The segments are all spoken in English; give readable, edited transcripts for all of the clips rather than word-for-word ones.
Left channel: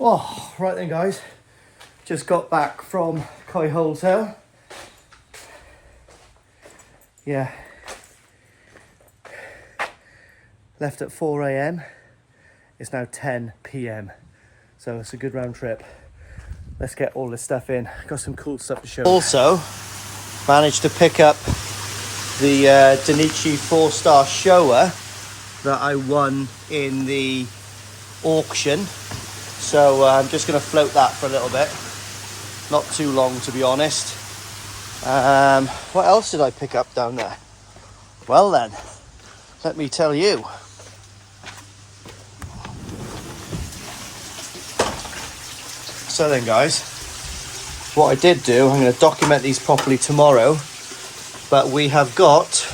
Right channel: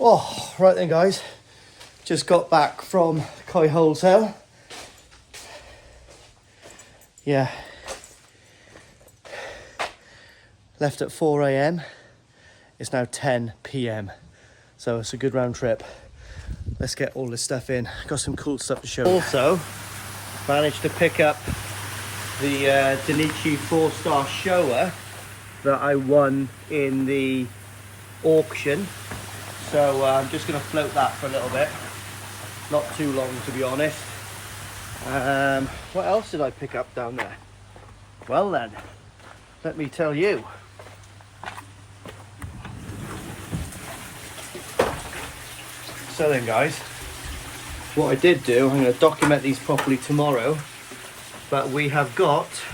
Oh, right then guys, just got back from Koi Hotel. Yeah, left at 4 a.m. It's now 10 p.m. So it's a good round trip. Let's get all this stuff in. Got some cool stuff to show you. Also, managed to pick up the Danichi 4-star shower that I won in the auction. So I'm just going to float that for a little bit. Not too long, to be honest. What else did I pick up down there? Well then, let me tell you. So then guys, what I did do, I'm going to document these properly tomorrow, but we have got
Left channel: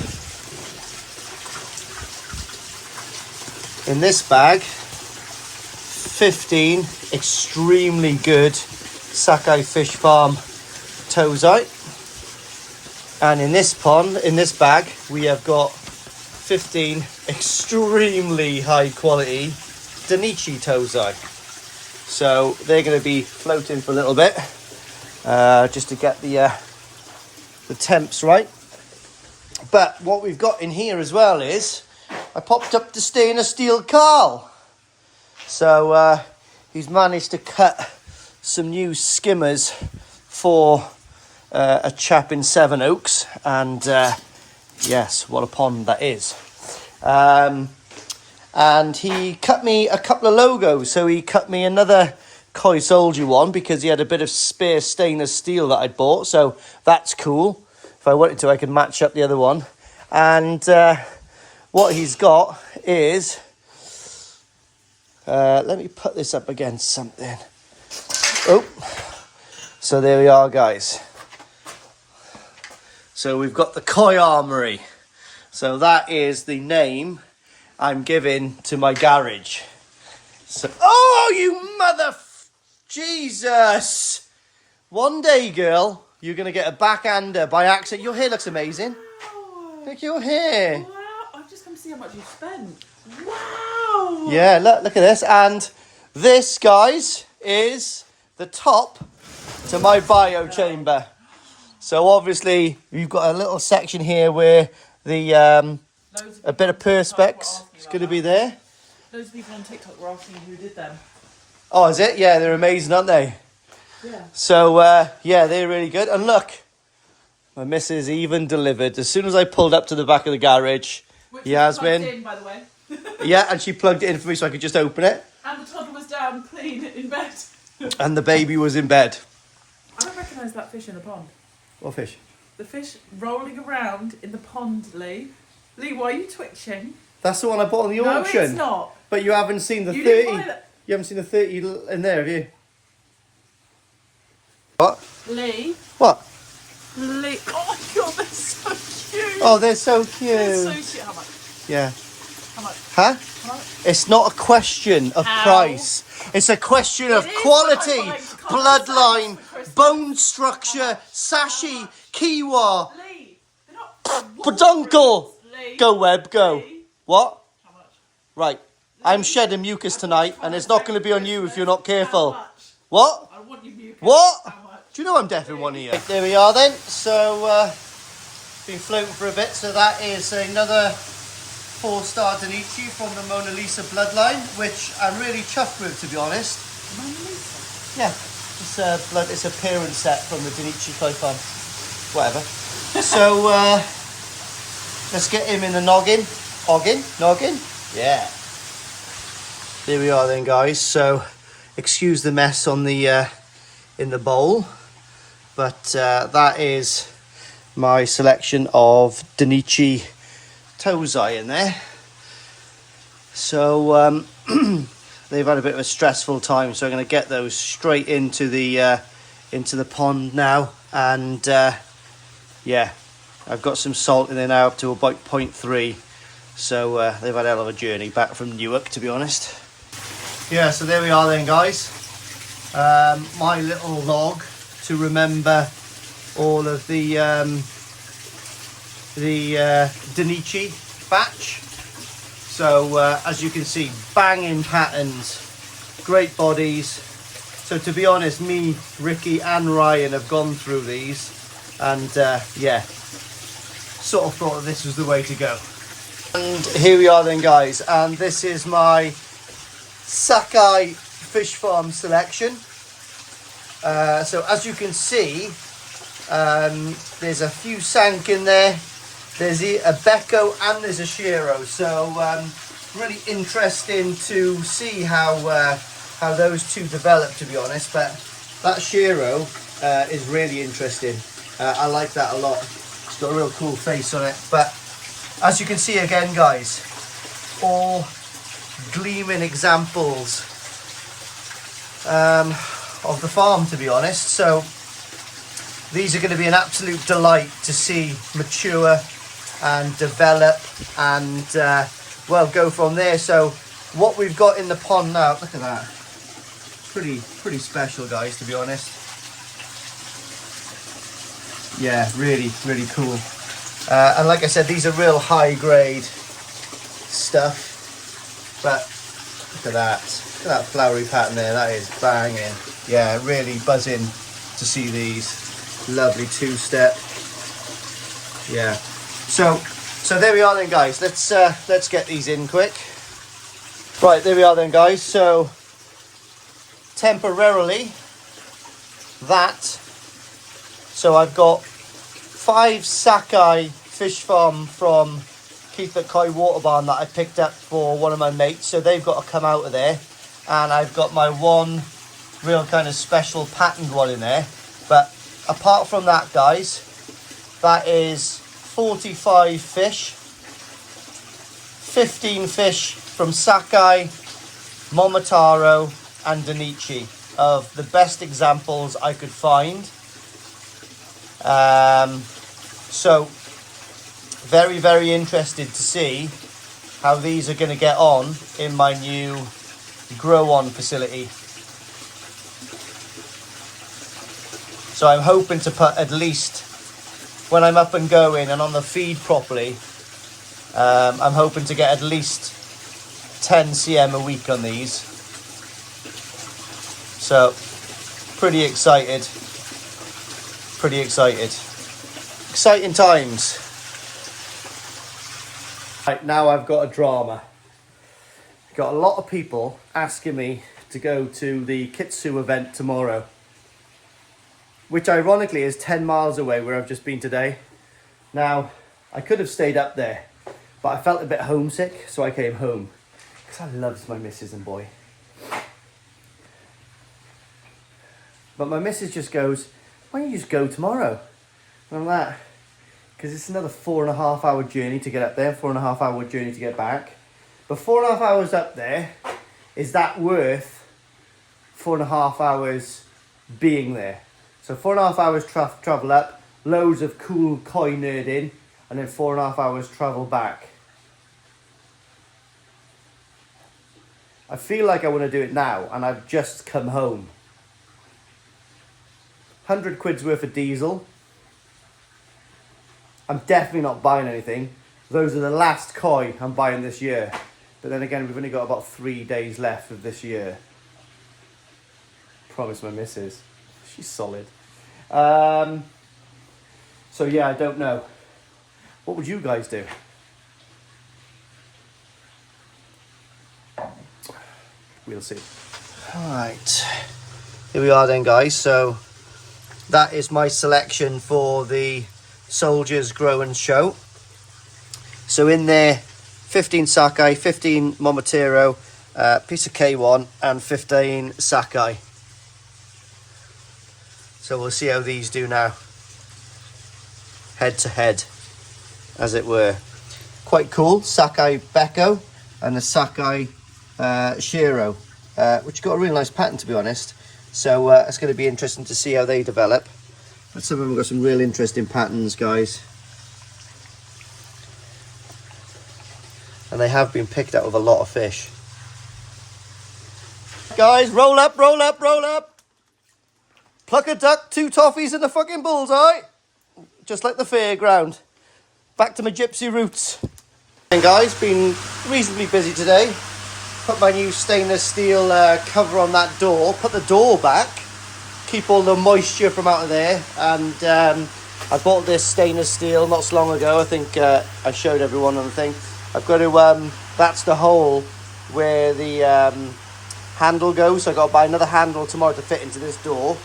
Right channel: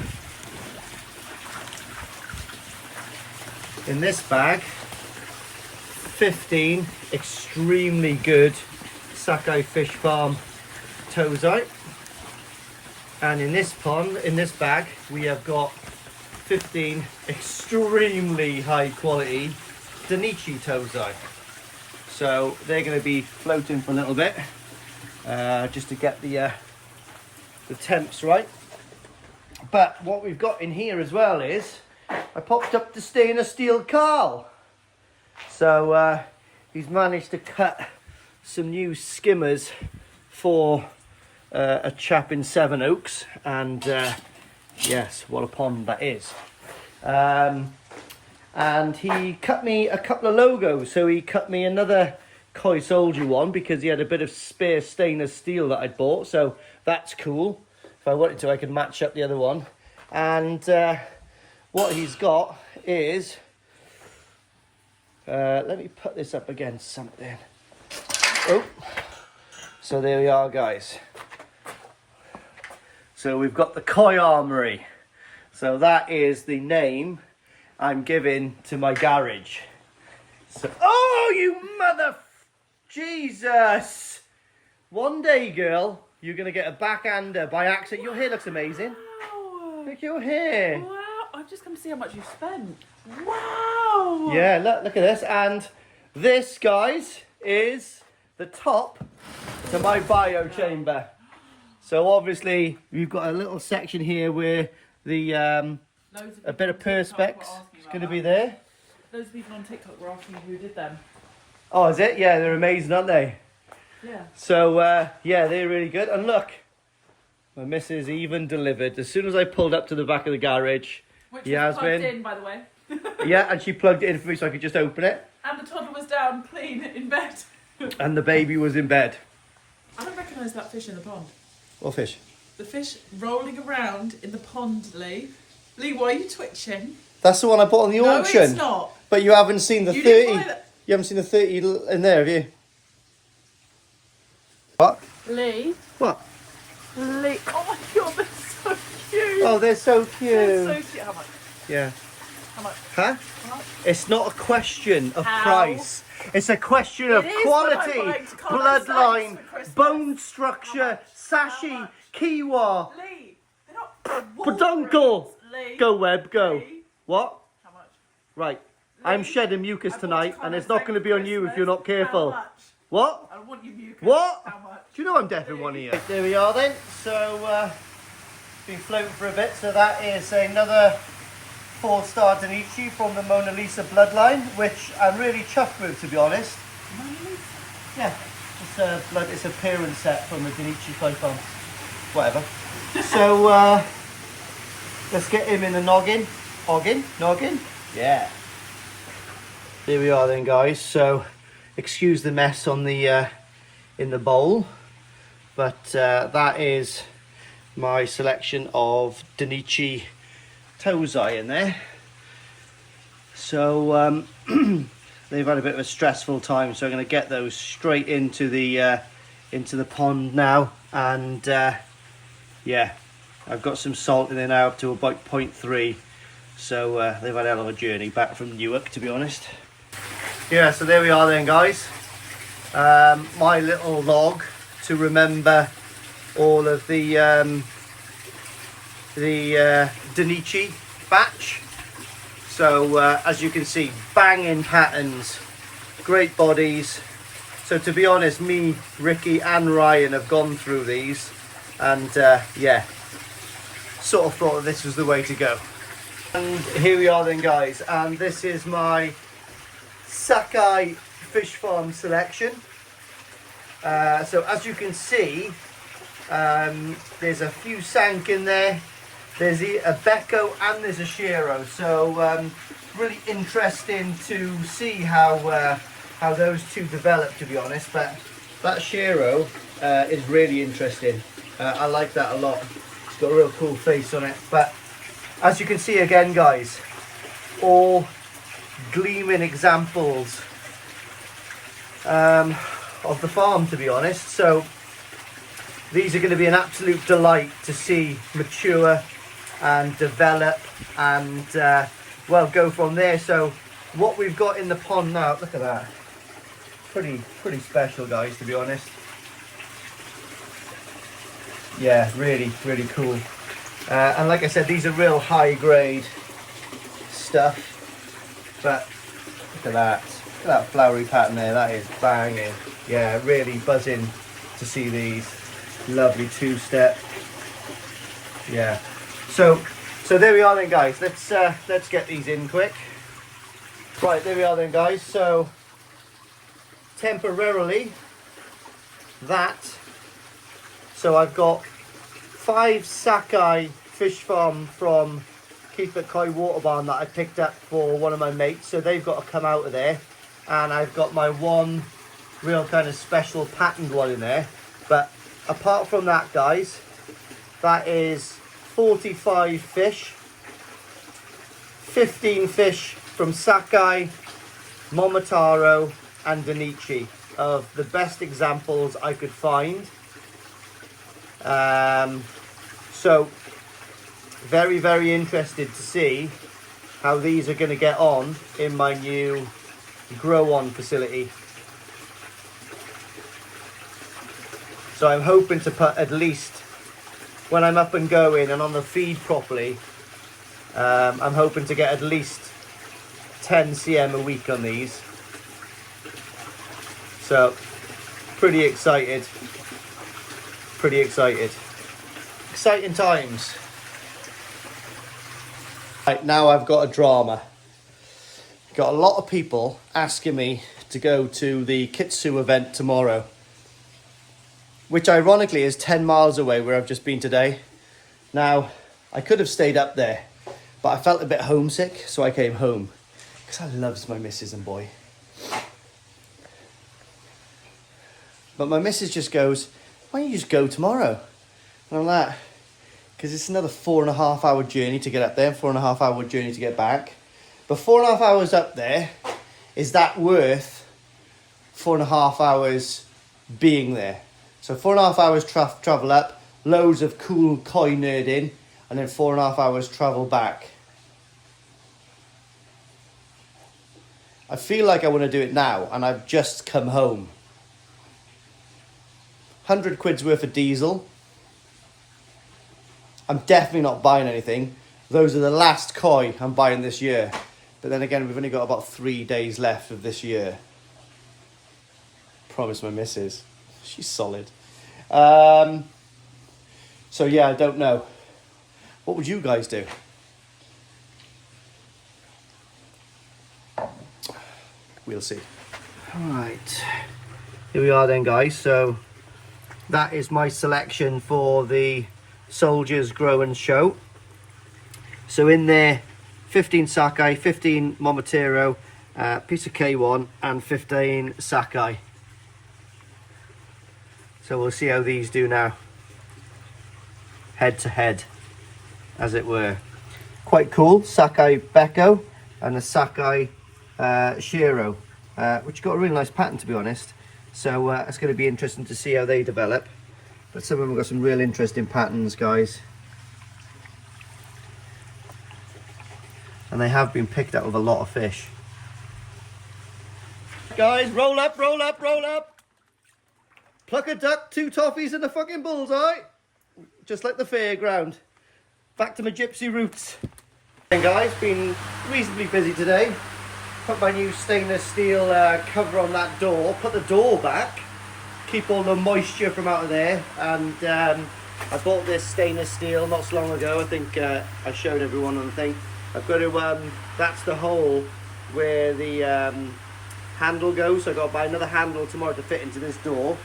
in this bag 15 extremely good Sakai Fish Farm tozai, and in this bag we have got 15 extremely high quality Danichi tozai. So they're going to be floating for a little bit, just to get the temps right. But what we've got in here as well is I popped up the stainless steel Carl. So he's managed to cut some new skimmers for a chap in Sevenoaks, and yes, what a pond that is. And he cut me a couple of logos. So he cut me another Koi Soldier one because he had a bit of spare stainless steel that I'd bought. So that's cool. If I wanted to, I could match up the other one. And what he's got is, let me put this up against something. Oh, so there we are, guys. So we've got the Koi Armory. So that is the name I'm giving to my garage. So, oh, you mother... Jesus! One day, girl, you're going to get a backhander by accident. Your hair looks amazing. Wow. Look at your hair. Wow, I've just come to see how much you spent. Wow! Yeah, look at this. And this, guys, is the top to my bio chamber. So obviously, we've got a little section here where the... a bit of perspex is going to be there. Those people on TikTok were asking who did them. Oh, is it? Yeah, they're amazing, aren't they? Yeah. So, yeah, they're really good. And look, my missus even delivered. As soon as I pulled up to the back of the garage, Which Yasmin... in, by the way. Yeah, and she plugged it in for me so I could just open it. And the toddler was down clean in bed. And the baby was in bed. I don't recognise that fish in the pond. What fish? The fish rolling around in the pond, Lee. Lee, why are you twitching? That's the one I bought on the auction. No, it's not. But you haven't seen the You 30. didn't buy that. You haven't seen the 30 in there, have you? What? Lee. What? Lee. Oh my god, they're so cute. Oh, they're so cute. They're so cute. How much? Yeah. How much? Huh? How much? It's not a question of How? price. It's a question of is quality, what I can't bloodline, say for Christmas. bone structure, sashi, kiwa, Lee. They're not. peduncle. Lee. Go, Web, go. Lee. What? How much? Right. I'm shedding mucus tonight, and it's not going to be on you if you're not careful. How much? What? I want you mucus. What? How much? Do you know I'm deaf in one ear? There we are then. So, been floating for a bit. So that is another 4-star Danichi from the Mona Lisa bloodline, which I'm really chuffed with, to be honest. Mona Lisa? Yeah, it's a parent set from the Danichi Koi Farm. Whatever. So, let's get him in the noggin. Noggin? Yeah. There we are then, guys. So, excuse the mess on the in the bowl, but that is my selection of Danichi tozai in there. So they've had a bit of a stressful time, so I'm going to get those straight into the pond now. And yeah, I've got some salt in there now up to about 0.3. So they've had a hell of a journey back from Newark, to be honest. Yeah, so there we are then, guys. My little log to remember all of the Danichi batch. So as you can see, banging patterns great bodies. So to be honest, me, Ricky and Ryan have gone through these, and yeah, sort of thought that this was the way to go. And here we are then, guys, and this is my Sakai fish farm selection. So as you can see, there's a few sank in there, there's a Becco and there's a Shiro, so really interesting to see how those two develop, to be honest. But that Shiro is really interesting. I like that a lot. It's got a real cool face on it. But as you can see again, guys, all gleaming examples of the farm, to be honest. So these are going to be an absolute delight to see mature and develop and well, go from there. So what we've got in the pond now, look at that, pretty special, guys, to be honest. Yeah, really cool. And like I said, these are real high grade stuff, but look at that flowery pattern there. That is banging. Yeah, really buzzing to see these. Lovely two-step. Yeah. So there we are then, guys. Let's get these in quick. Right, there we are then, guys. So temporarily that. So I've got 5 Sakai fish farm from Keith at Koi Water Barn that I picked up for one of my mates. So they've got to come out of there. And I've got my one real kind of special patterned one in there. But apart from that, guys, that is 45 fish. 15 fish from Sakai, Momotaro and Danichi, of the best examples I could find. So very interested to see how these are going to get on in my new grow on facility. So I'm hoping to put, at least when I'm up and going and on the feed properly, I'm hoping to get at least 10 cm a week on these. So pretty excited. Exciting times. Right, now I've got a drama. Got a lot of people asking me to go to the Kitsu event tomorrow, which ironically is 10 miles away where I've just been today. Now, I could have stayed up there, but I felt a bit homesick, so I came home, because I loves my missus and boy. But my missus just goes, why don't you just go tomorrow? And I'm like, because it's another 4.5 hour journey to get up there, 4.5 hour journey to get back. But 4.5 hours up there, is that worth 4.5 hours being there? So 4.5 hours travel up, loads of cool koi nerding, and then 4.5 hours travel back. I feel like I want to do it now, and I've just come home. 100 quid's worth of diesel. I'm definitely not buying anything. Those are the last koi I'm buying this year. But then again, we've only got about 3 days left of this year. Promise my missus. She's solid. So yeah, I don't know. What would you guys do? We'll see. Alright. Here we are then, guys. So that is my selection for the Soldiers Grow and Show. So in there, 15 Sakai, 15 Momotaro, piece of K1 and 15 Sakai. So we'll see how these do now. Head to head, as it were. Quite cool. Sakai Becco and a Sakai Shiro, which got a really nice pattern, to be honest. So it's going to be interesting to see how they develop. But some of them have got some real interesting patterns, guys. And they have been picked out with a lot of fish. Guys, roll up, roll up, roll up. Pluck a duck, 2 toffees and a fucking bullseye. Just like the fairground. Back to my gypsy roots. Hey guys, been reasonably busy today. put my new stainless steel cover on that door, put the door back, keep all the moisture from out of there. And I bought this stainless steel not so long ago. I think I showed everyone on the thing. I've got to, that's the hole where the handle goes. So I've got to buy another handle tomorrow to fit into this door.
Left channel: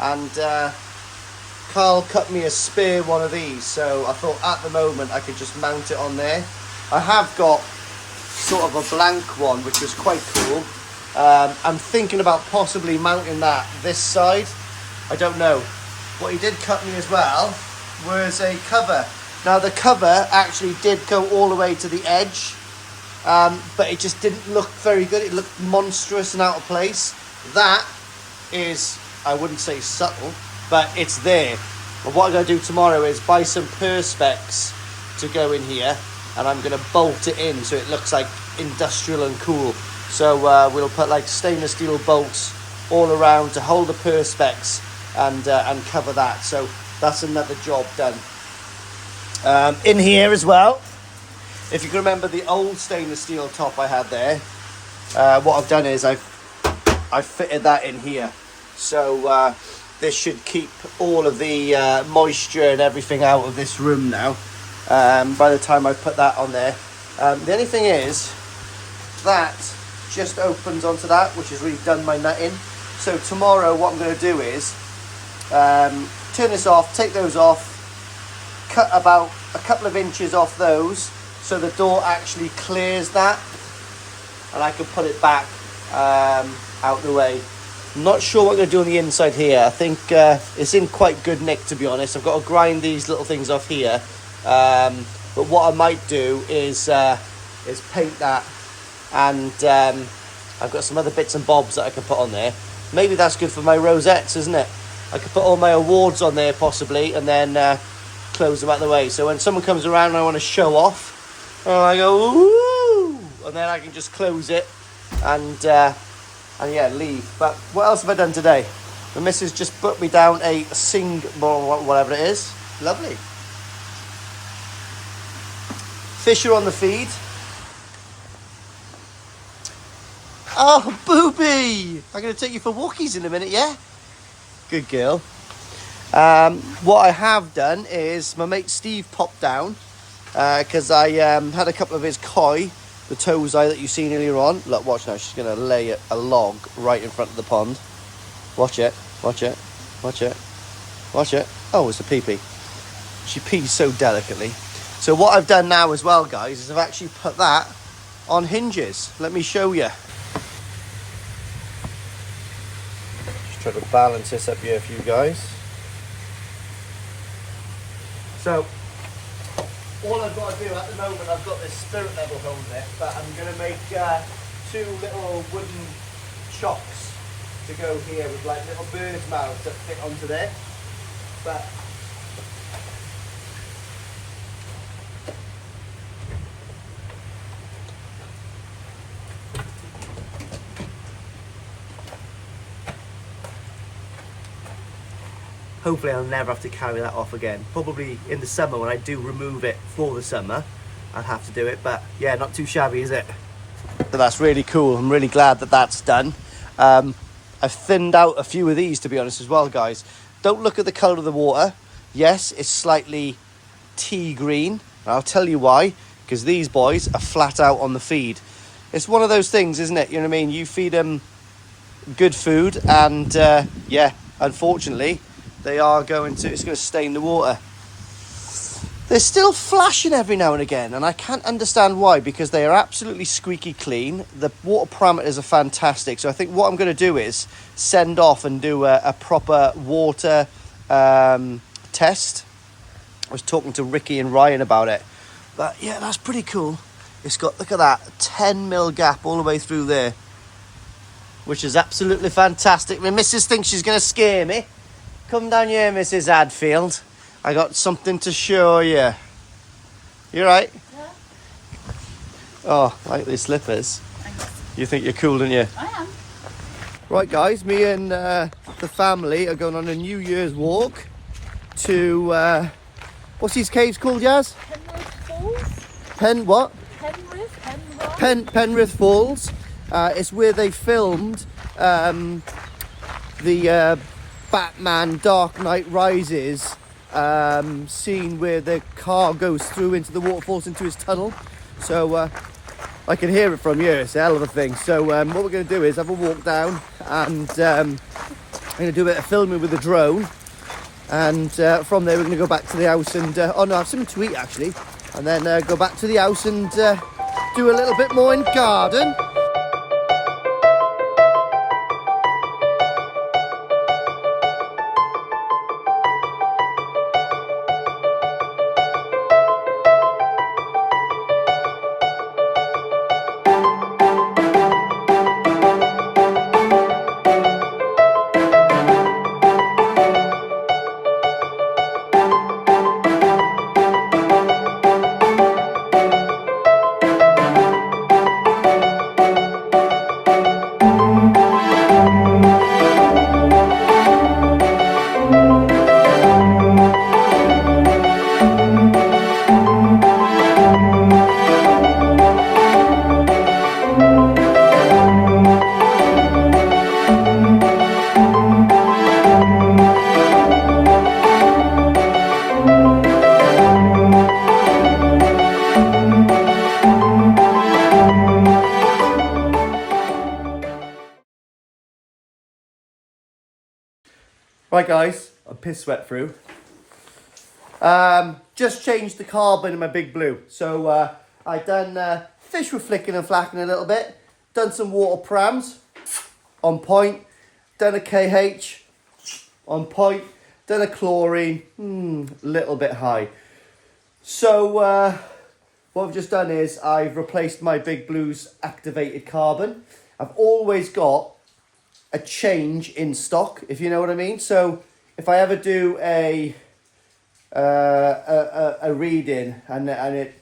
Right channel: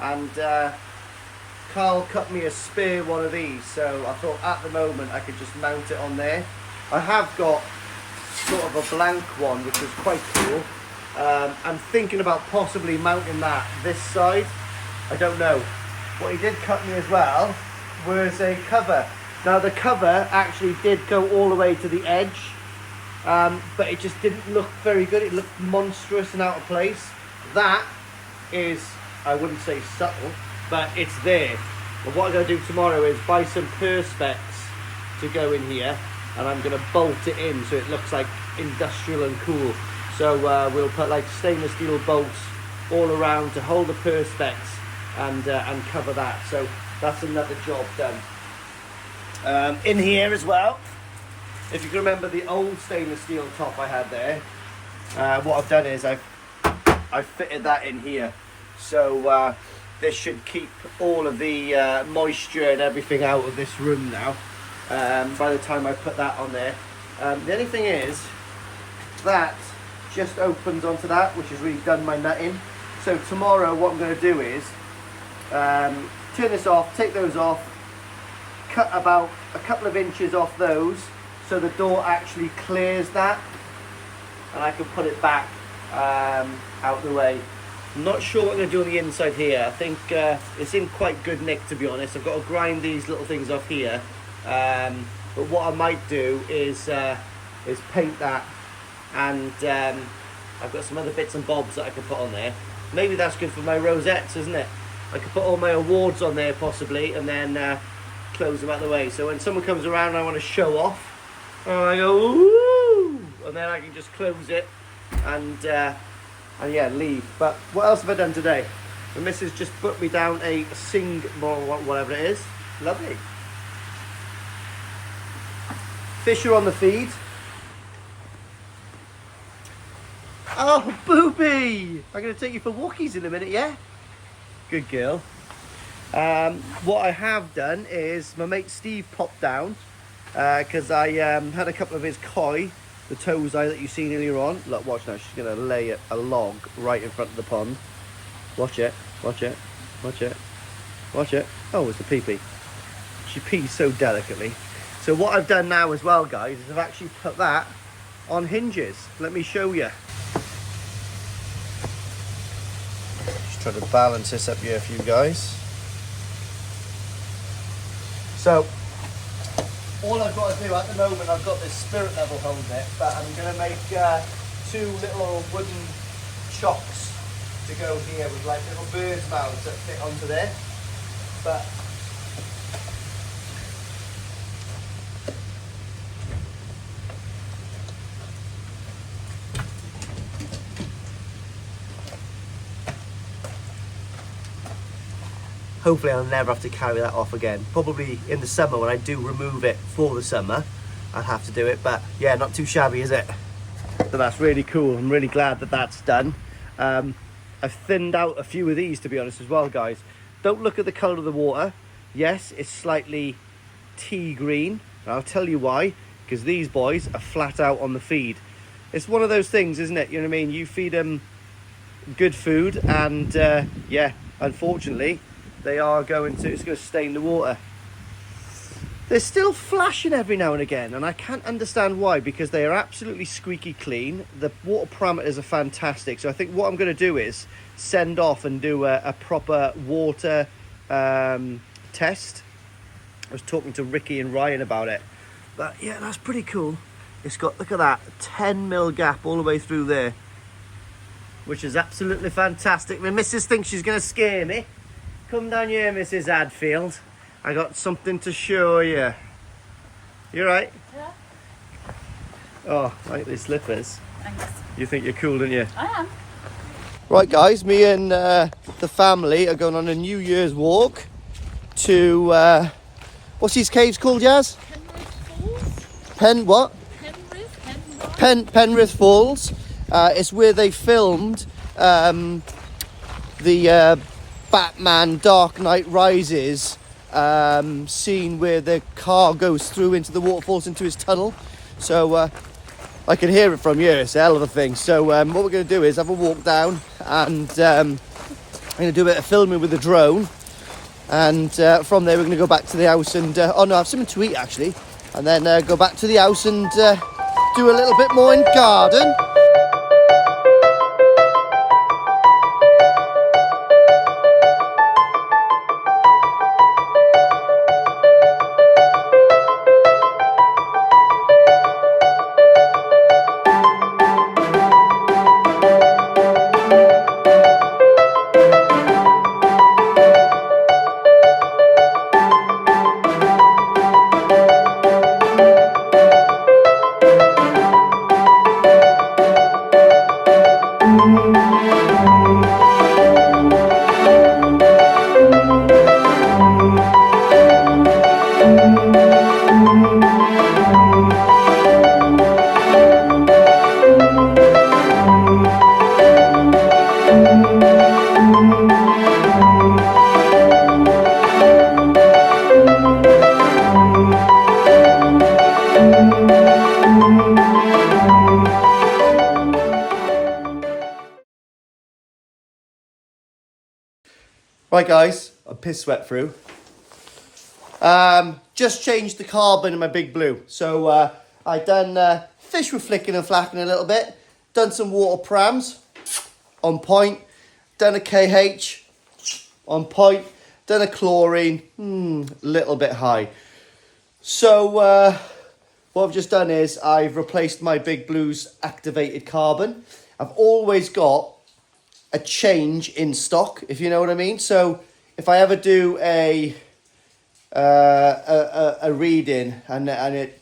And Carl cut me a spare one of these. So I thought at the moment I could just mount it on there. I have got sort of a blank one, which is quite cool. I'm thinking about possibly mounting that this side. I don't know. What he did cut me as well was a cover. Now the cover actually did go all the way to the edge, but it just didn't look very good. It looked monstrous and out of place. That is, I wouldn't say subtle, but it's there. But what I'm going to do tomorrow is buy some perspex to go in here, and I'm going to bolt it in so it looks like industrial and cool. So we'll put like stainless steel bolts all around to hold the perspex and cover that. So that's another job done. In here as well, if you can remember the old stainless steel top I had there, what I've done is I've fitted that in here. So this should keep all of the moisture and everything out of this room now. By the time I put that on there. The only thing is that just opens onto that, which has really done my nutting. So tomorrow what I'm going to do is turn this off, take those off, cut about a couple of inches off those so the door actually clears that, and I can put it back out the way. I'm not sure what I'm going to do on the inside here. I think it's in quite good nick, to be honest. I've got to grind these little things off here. But what I might do is paint that, and I've got some other bits and bobs that I can put on there. Maybe that's good for my rosettes, isn't it? I could put all my awards on there possibly, and then close them out the way. So when someone comes around and I want to show off, I go woo, and then I can just close it and yeah, leave. But what else have I done today? The missus just put me down a whatever it is. Lovely. Fish are on the feed. Oh, booby! I'm going to take you for walkies in a minute, yeah? Good girl. What I have done is my mate Steve popped down because I had a couple of his koi, the tozai that you seen earlier on. Look, watch now. She's going to lay a log right in front of the pond. Watch it. Watch it. Watch it. Watch it. Oh, it's a pee-pee. She pees so delicately. So what I've done now as well, guys, is I've actually put that on hinges. Let me show you. Just try to balance this up here for you guys. So all I've got to do at the moment, I've got this spirit level home bit, but I'm going to make two little wooden chocks to go here with like little bird's mouths that fit onto there. But hopefully I'll never have to carry that off again. Probably in the summer when I do remove it for the summer, I'll have to do it. But yeah, not too shabby, is it? So that's really cool. I'm really glad that that's done. I've thinned out a few of these, to be honest, as well, guys. Don't look at the colour of the water. Yes, it's slightly tea green. I'll tell you why. Because these boys are flat out on the feed. It's one of those things, isn't it? You know what I mean? You feed them good food and yeah, unfortunately, they are it's going to stain the water. They're still flashing every now and again, and I can't understand why, because they are absolutely squeaky clean. The water parameters are fantastic. So I think what I'm going to do is send off and do a proper water test. I was talking to Ricky and Ryan about it. But yeah, that's pretty cool. It's got, look at that, 10mm gap all the way through there, which is absolutely fantastic. My missus thinks she's going to scare me. Come down here, Mrs. Hadfield. I got something to show you. You right? Yeah. Oh, I like these slippers. Thanks. You think you're cool, don't you? I am. Right, guys, me and the family are going on a New Year's walk to, what's these caves called, Jazz? Penrith Falls? Penrith Falls. It's where they filmed the Batman Dark Knight Rises scene where the car goes through into the waterfalls into his tunnel. So I can hear it from here. It's a hell of a thing. So what we're going to do is have a walk down, and I'm going to do a bit of filming with the drone, and from there we're going to go back to the house and oh no, I have something to eat actually, and then go back to the house and do a little bit more in garden. Right guys, I'm piss sweat through. Just changed the carbon in my Big Blue. So I done fish were flicking and flacking a little bit. Done some water prams, on point. Done a KH, on point. Done a chlorine, little bit high. So what I've just done is I've replaced my Big Blue's activated carbon. I've always got a change in stock, if you know what I mean. So if I ever do a reading and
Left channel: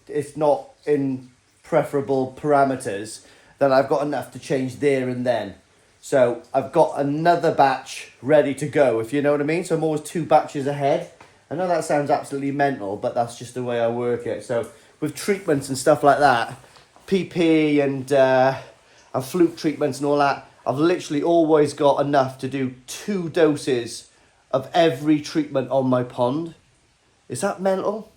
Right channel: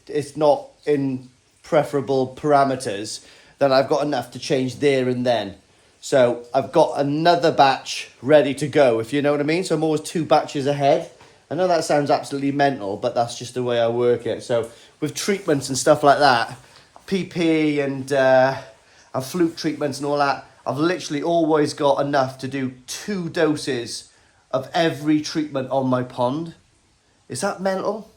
it's not in preferable parameters, then I've got enough to change there and then. So I've got another batch ready to go, if you know what I mean. So I'm always 2 batches ahead. I know that sounds absolutely mental, but that's just the way I work it. So with treatments and stuff like that, PP and fluke treatments and all that, I've literally always got enough to do 2 doses of every treatment on my pond. Is that mental?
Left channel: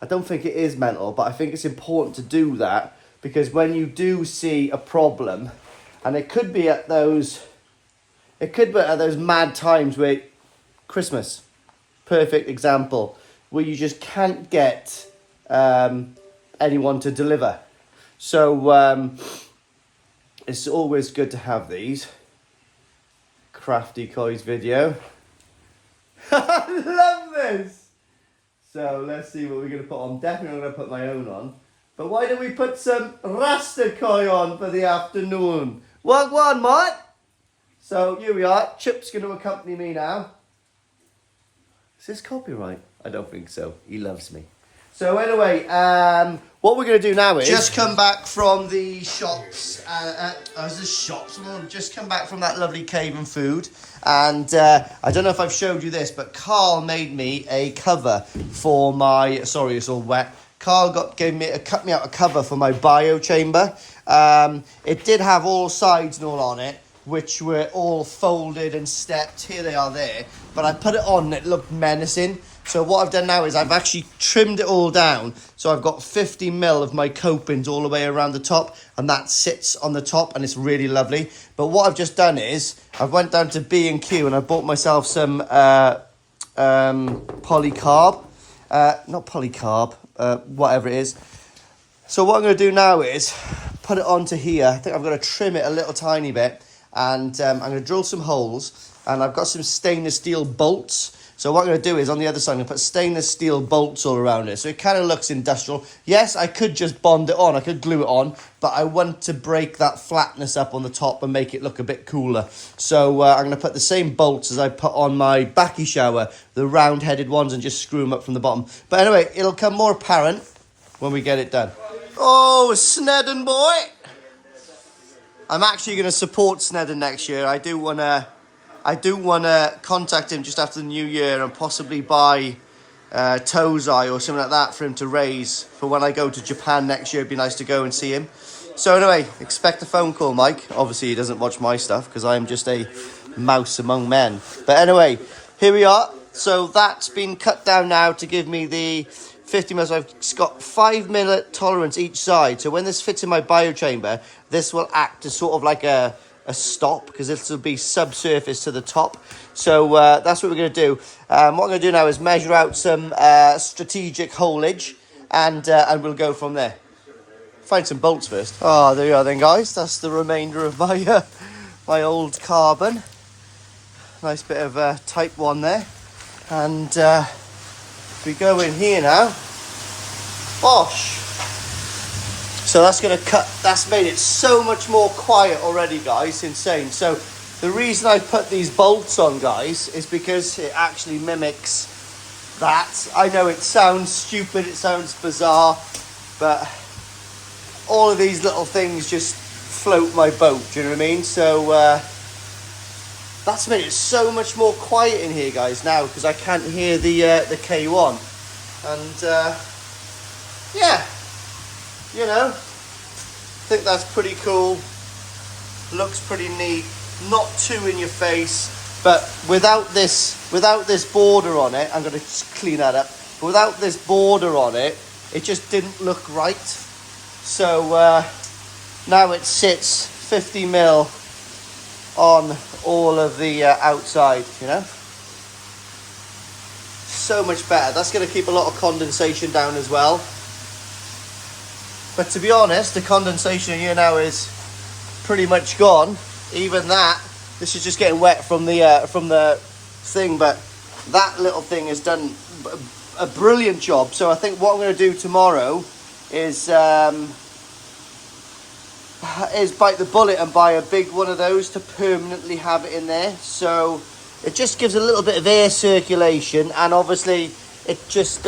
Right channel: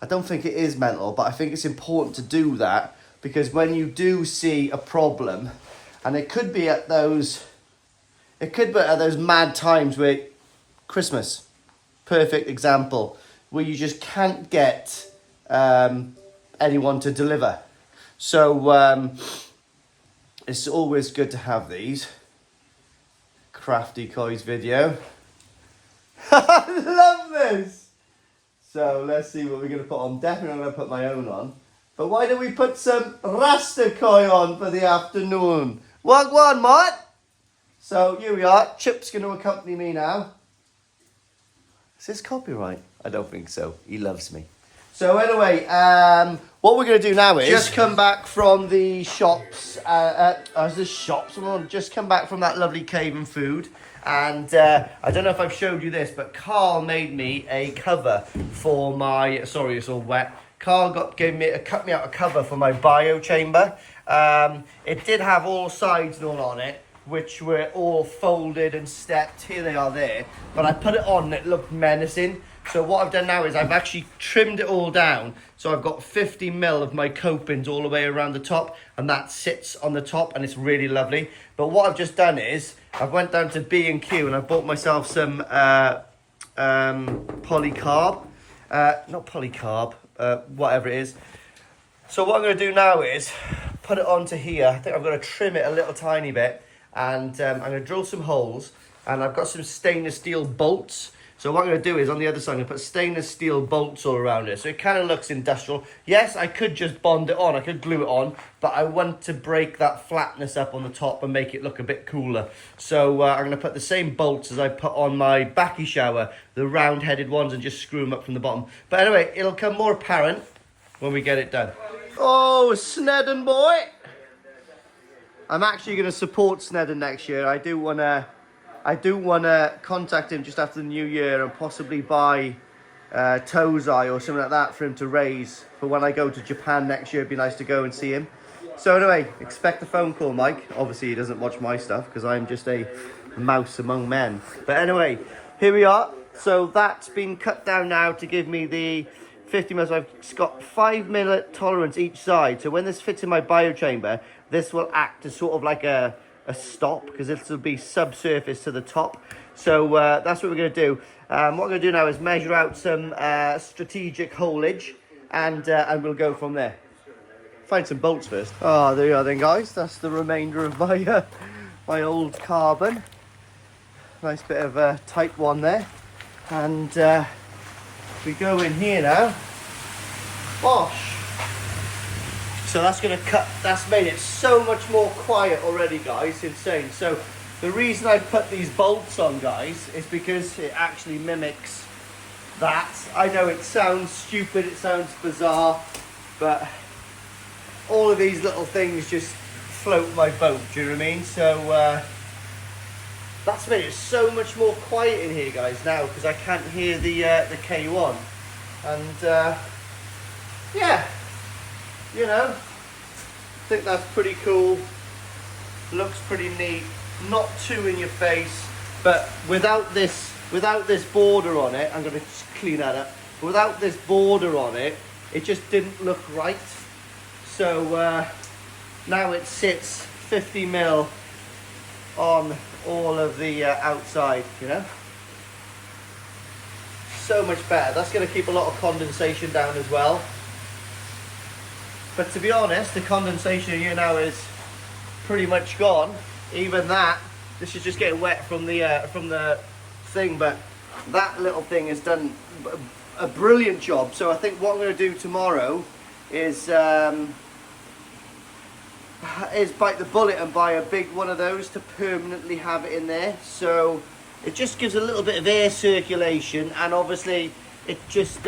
I don't think it is mental, but I think it's important to do that, because when you do see a problem, and it could be at those mad times where Christmas, perfect example, where you just can't get anyone to deliver. So it's always good to have these. Crafty Coys video. I love this! So let's see what we're going to put on. Definitely going to put my own on. But why don't we put some Rasta Koi on for the afternoon? Wagwan, mate! So here we are. Chip's going to accompany me now. Is this copyright? I don't think so. He loves me. So anyway, what we're going to do now is just come back from the shops. Just come back from that lovely Cave and Food, and I don't know if I've showed you this, but Carl made me a cover for my. Sorry, it's all wet. Carl cut me out a cover for my bio chamber. It did have all sides and all on it, which were all folded and stepped. Here they are there, but I put it on and it looked menacing. So what I've done now is I've actually trimmed it all down. So I've got 50mm of my copings all the way around the top, and that sits on the top, and it's really lovely. But what I've just done is I went down to B&Q and I bought myself some polycarb, not polycarb, whatever it is. So what I'm going to do now is put it onto here. I think I'm going to trim it a little tiny bit, and I'm going to drill some holes, and I've got some stainless steel bolts. So what I'm going to do is on the other side, I'm going to put stainless steel bolts all around it. So it kind of looks industrial. Yes, I could just bond it on. I could glue it on. But I want to break that flatness up on the top and make it look a bit cooler. So I'm going to put the same bolts as I put on my backy shower, the round-headed ones, and just screw them up from the bottom. But anyway, it'll come more apparent when we get it done. Oh, Snedden boy! I'm actually going to support Snedden next year. I do want to contact him just after the new year and possibly buy Tozai or something like that for him to raise for when I go to Japan next year. It'd be nice to go and see him. So anyway, expect a phone call, Mike. Obviously, he doesn't watch my stuff because I'm just a mouse among men. But anyway, here we are. So that's been cut down now to give me the 50 mils. I've got 5 minute tolerance each side. So when this fits in my bio chamber, this will act as sort of like a stop because this will be subsurface to the top. So that's what we're going to do. What I'm going to do now is measure out some strategic holage and we'll go from there. Find some bolts first. Oh, there you are then, guys. That's the remainder of my my old carbon. Nice bit of type 1 there. And we go in here now. Bosh! So that's going to cut, that's made it so much more quiet already, guys. Insane. So the reason I put these bolts on, guys, is because it actually mimics that. I know it sounds stupid, it sounds bizarre, but all of these little things just float my boat, do you know what I mean? So that's made it so much more quiet in here, guys, now, because I can't hear the K1. And yeah, you know, I think that's pretty cool. Looks pretty neat. Not too in your face, but without this border on it, I'm going to just clean that up. But without this border on it, it just didn't look right. So now it sits 50 mil on all of the outside, you know. So much better. That's going to keep a lot of condensation down as well. But to be honest, the condensation here now is pretty much gone. Even that, this is just getting wet from the thing, but that little thing has done a brilliant job. So I think what I'm going to do tomorrow is bite the bullet and buy a big one of those to permanently have it in there. So it just gives a little bit of air circulation, and obviously it just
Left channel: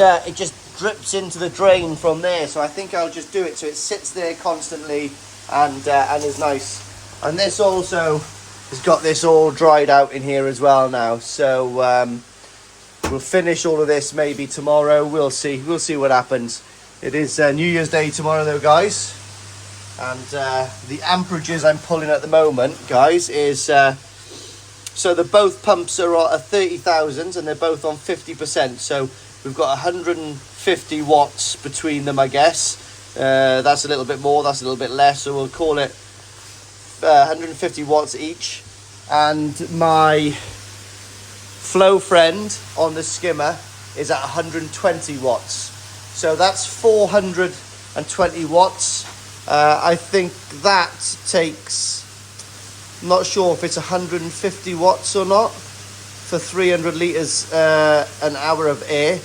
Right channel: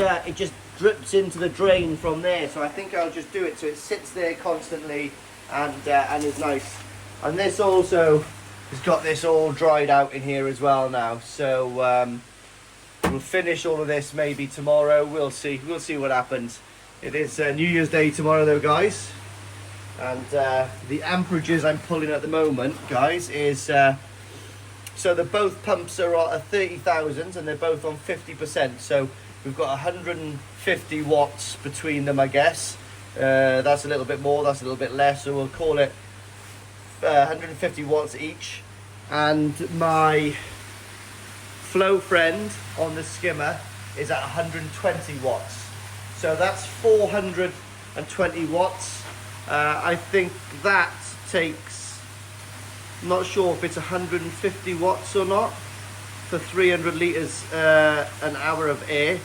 drips into the drain from there. So I think I'll just do it so it sits there constantly and is nice. And this also has got this all dried out in here as well now. So we'll finish all of this maybe tomorrow. We'll see what happens. It is New Year's Day tomorrow though, guys. And the amperages I'm pulling at the moment, guys, is so both pumps are at 30,000 and they're both on 50%. So we've got 150 watts between them, I guess. That's a little bit more, that's a little bit less. So we'll call it 150 watts each. And my flow friend on the skimmer is at 120 watts. So that's 420 watts. I think that takes, not sure if it's 150 watts or not, for 300 litres an hour of air.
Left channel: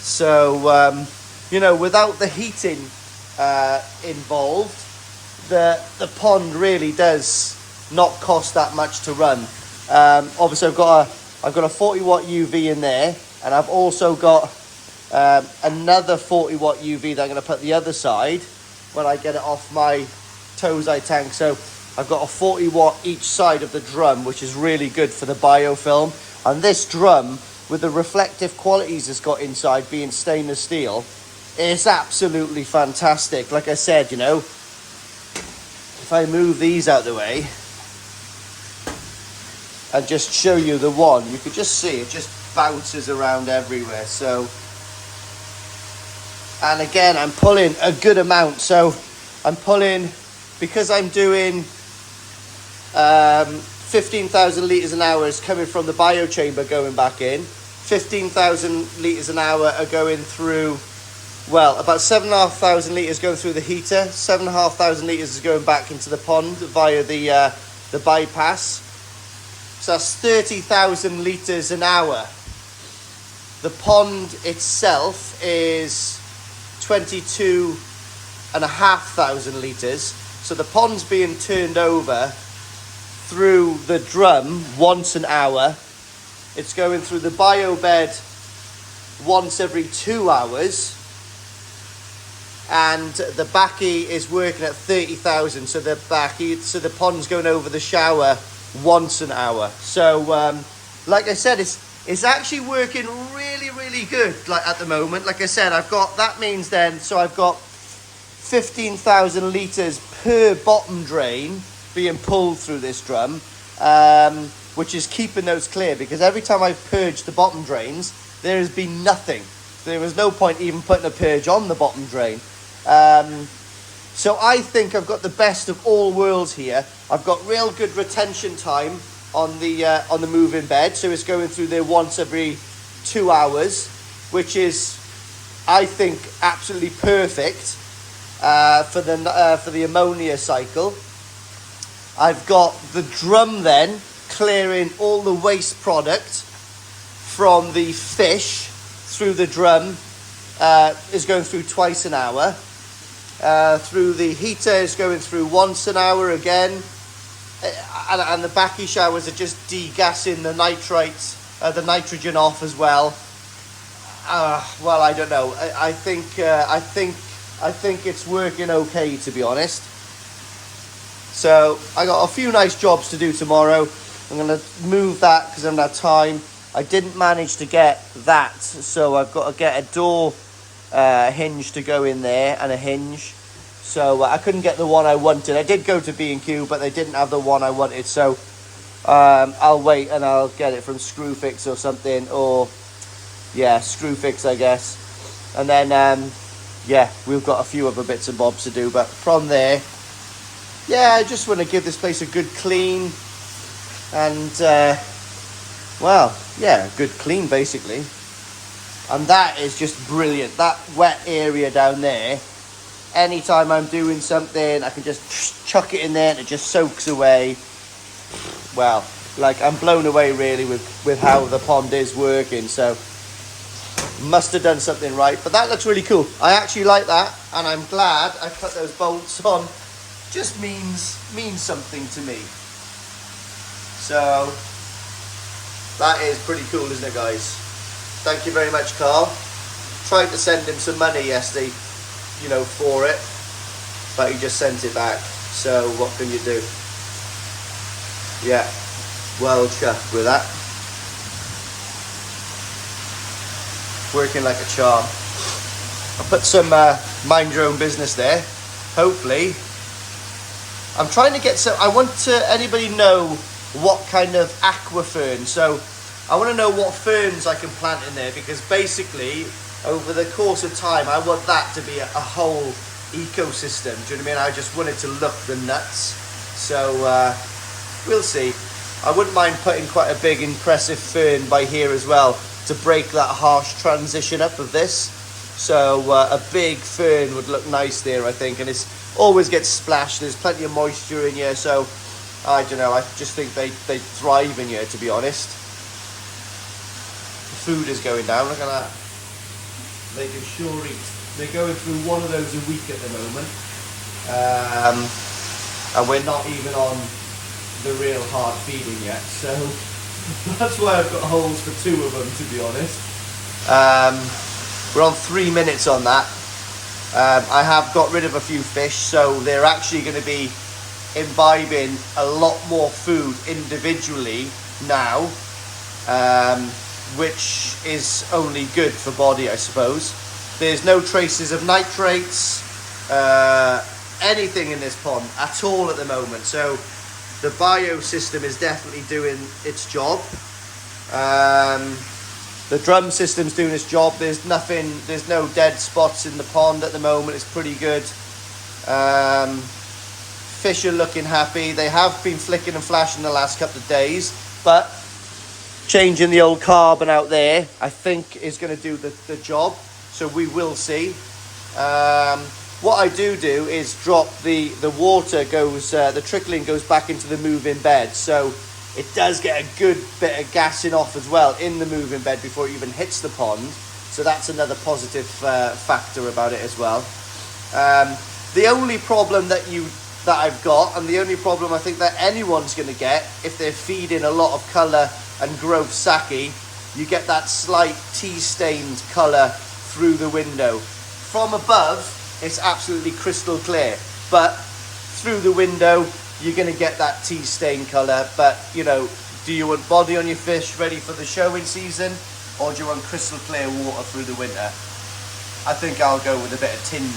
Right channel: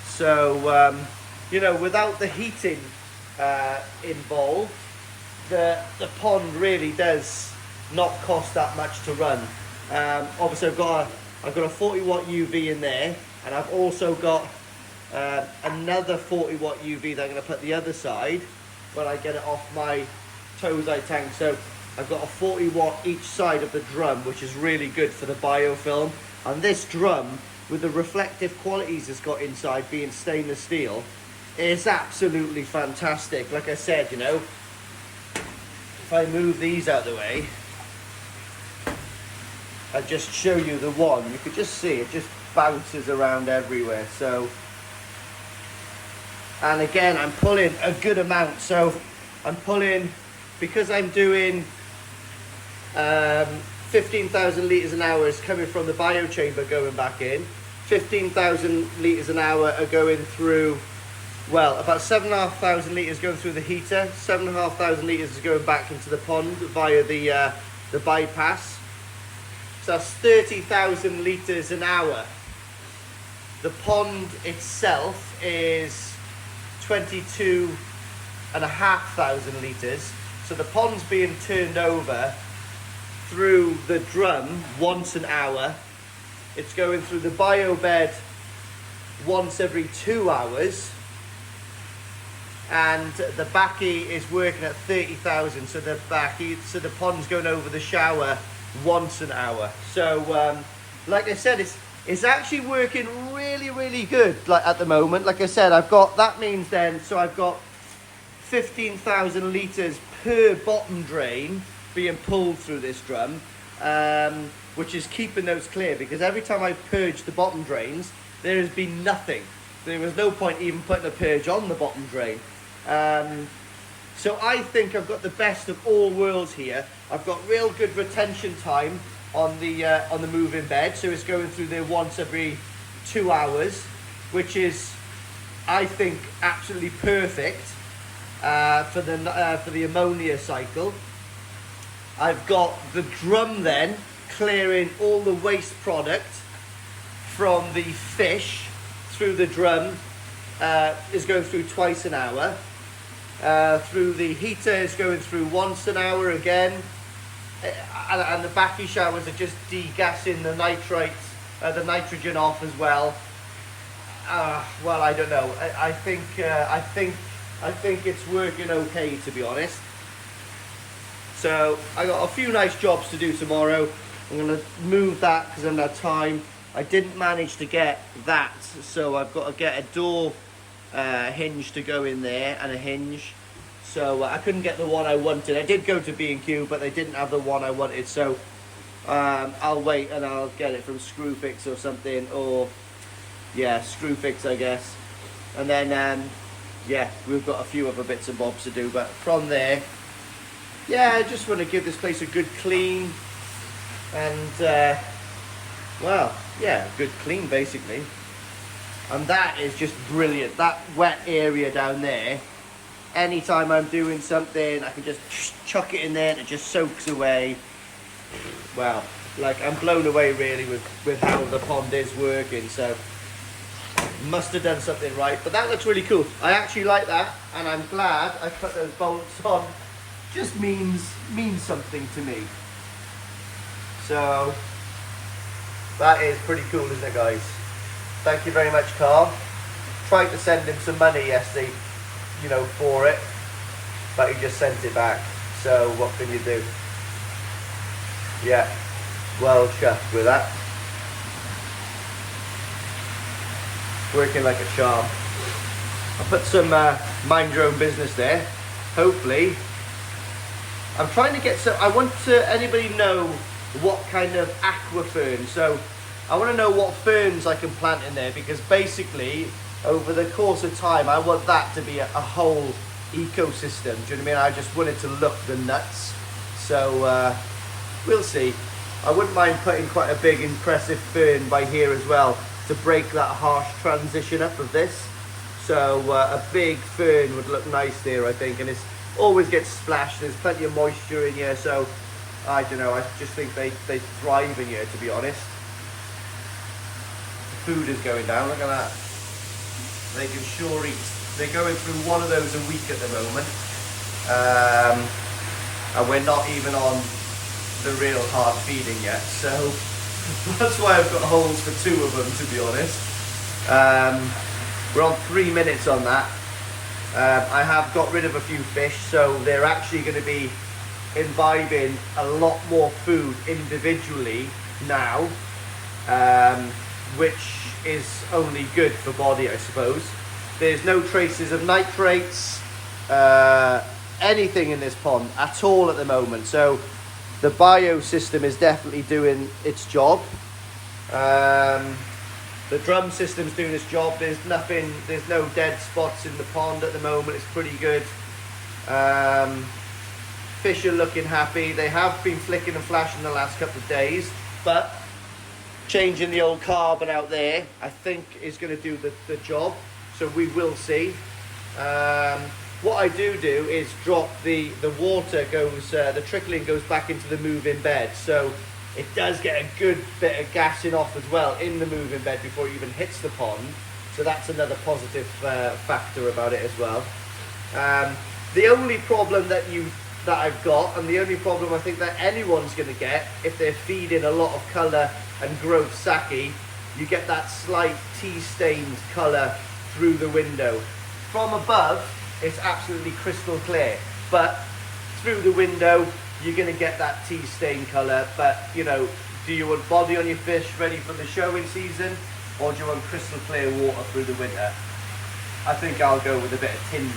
So, you know, without the heating involved, the pond really does not cost that much to run. Obviously I've got a 40 watt UV in there, and I've also got another 40 watt UV that I'm going to put the other side when I get it off my Tozai tank. So I've got a 40 watt each side of the drum, which is really good for the biofilm. And this drum, with the reflective qualities it's got inside, being stainless steel, is absolutely fantastic. Like I said, you know, if I move these out of the way and just show you the one, you could just see it just bounces around everywhere. So, and again, I'm pulling a good amount. So I'm pulling, because I'm doing 15,000 litres an hour is coming from the bio chamber going back in. 15,000 litres an hour are going through, well, about 7,500 litres going through the heater. 7,500 litres is going back into the pond via the bypass. So that's 30,000 litres an hour. The pond itself is 22,500 litres. So the pond's being turned over through the drum once an hour. It's going through the bio bed once every 2 hours. And the backy is working at 30,000. So the pond's going over the shower once an hour. So like I said, it's actually working really, really good. Like at the moment, like I said, that means then, so I've got 15,000 litres per bottom drain being pulled through this drum, which is keeping those clear, because every time I've purged the bottom drains, there has been nothing. There was no point even putting a purge on the bottom drain. So I think I've got the best of all worlds here. I've got real good retention time on the moving bed, so it's going through there once every 2 hours, which is, I think, absolutely perfect for the ammonia cycle. I've got the drum then clearing all the waste product from the fish through the drum, is going through twice an hour. Through the heater is going through once an hour again, and the backy showers are just degassing the nitrates, the nitrogen off as well. Well, I don't know. I think it's working okay, to be honest. So I got a few nice jobs to do tomorrow. I'm gonna move that because I haven't had time. I didn't manage to get that, so I've got to get a door hinge to go in there, and a hinge. So I couldn't get the one I wanted. I did go to B&Q, but they didn't have the one I wanted, so I'll wait and I'll get it from Screwfix or something, or yeah, Screwfix, I guess. And then yeah, we've got a few other bits and bobs to do, but from there, yeah, I just want to give this place a good clean, and well, yeah, good clean basically. And that is just brilliant. That wet area down there, anytime I'm doing something, I can just chuck it in there and it just soaks away. Well, like, I'm blown away really with how the pond is working. So must have done something right, but that looks really cool. I actually like that, and I'm glad I put those bolts on. Just means something to me. So that is pretty cool, isn't it, guys? Thank you very much, Carl. Tried to send him some money yesterday, you know, for it, but he just sent it back. So what can you do? Yeah, well chuffed with that. Working like a charm. I put some mind your own business there. Hopefully, I'm trying to get some. I want to. Anybody know what kind of aqua fern? So I want to know what ferns I can plant in there, because basically over the course of time I want that to be a whole ecosystem. Do you know what I mean? I just want it to look the nuts. So we'll see. I wouldn't mind putting quite a big impressive fern by here as well to break that harsh transition up of this. So a big fern would look nice there, I think, and it's always gets splashed. There's plenty of moisture in here, so I don't know, I just think they thrive in here, to be honest. The food is going down, look at that. They can sure eat. They're going through one of those a week at the moment. And we're not even on the real hard feeding yet, so that's why I've got holes for 2 of them, to be honest. We're on 3 minutes on that. I have got rid of a few fish, so they're actually going to be imbibing a lot more food individually now, which is only good for body, I suppose. There's no traces of nitrates, anything in this pond at all at the moment, so the bio system is definitely doing its job. The drum system's doing its job. There's no dead spots in the pond at the moment. It's pretty good. Fish are looking happy. They have been flicking and flashing the last couple of days, but changing the old carbon out there, I think, is going to do the job. So we will see. What I do is drop the water goes, the trickling goes back into the moving bed. So it does get a good bit of gassing off as well in the moving bed before it even hits the pond. So that's another positive factor about it as well. The only problem that I've got, and the only problem I think that anyone's going to get if they're feeding a lot of colour and growth sake, you get that slight tea-stained colour through the window. From above, it's absolutely crystal clear, but through the window, you're going to get that tea-stained colour. But, you know, do you want body on your fish ready for the showing season, or do you want crystal clear water through the winter? I think I'll go with a bit of tinge.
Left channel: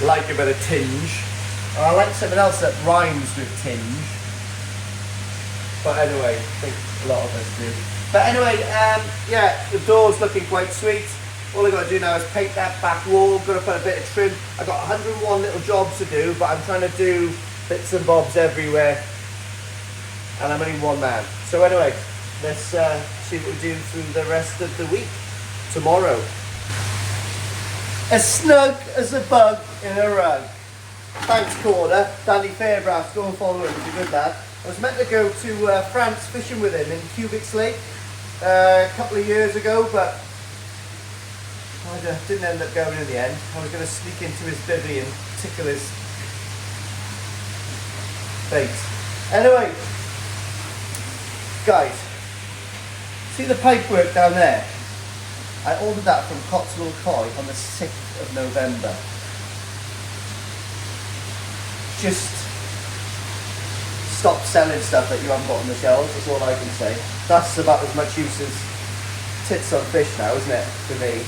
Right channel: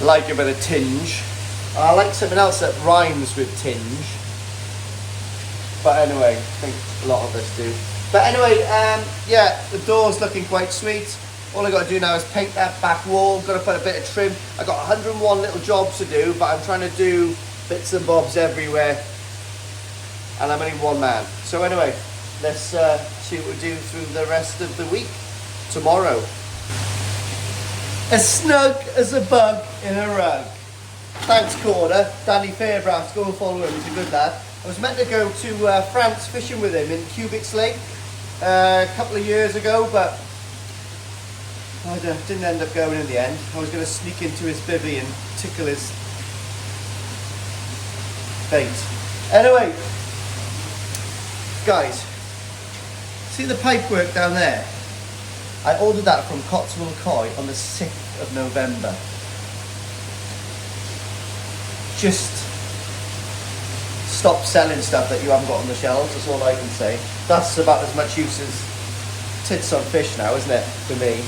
like a bit of tinge. I like something else that rhymes with tinge. But anyway, I think a lot of us do. But anyway, yeah, the door's looking quite sweet. All I got to do now is paint that back wall. Got to put a bit of trim. I got 101 little jobs to do, but I'm trying to do bits and bobs everywhere. And I'm only one man. So anyway, let's see what we do through the rest of the week. Tomorrow. As snug as a bug in a rug. Thanks, Corder. Danny Fairbrass, go and follow him. He's a good lad. I was meant to go to France fishing with him in Cubics Lake a couple of years ago, but I didn't end up going in the end. I was going to sneak into his bivvy and tickle his bait. Anyway, guys, see the pipework down there? I ordered that from Cotswold Koi on the 6th of November. Just stop selling stuff that you haven't got on the shelves, that's all I can say. That's about as much use as tits on fish now, isn't it, for me?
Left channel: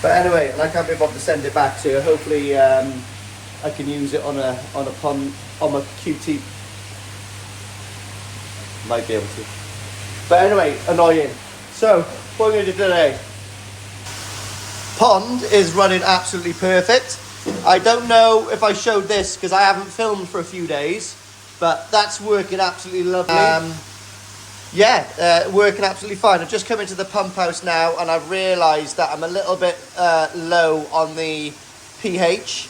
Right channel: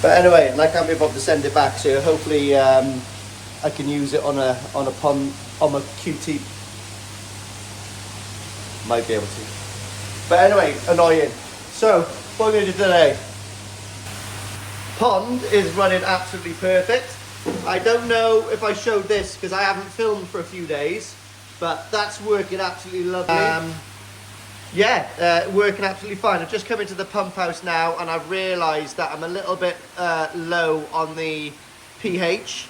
But anyway, I can't be bothered to send it back, so hopefully I can use it on a pond, on my QT. Might be able to. But anyway, annoying. So, what I'm going to do today. Pond is running absolutely perfect. I don't know if I showed this because I haven't filmed for a few days, but that's working absolutely lovely. Working absolutely fine. I've just come into the pump house now and I've realised that I'm a little bit low on the pH.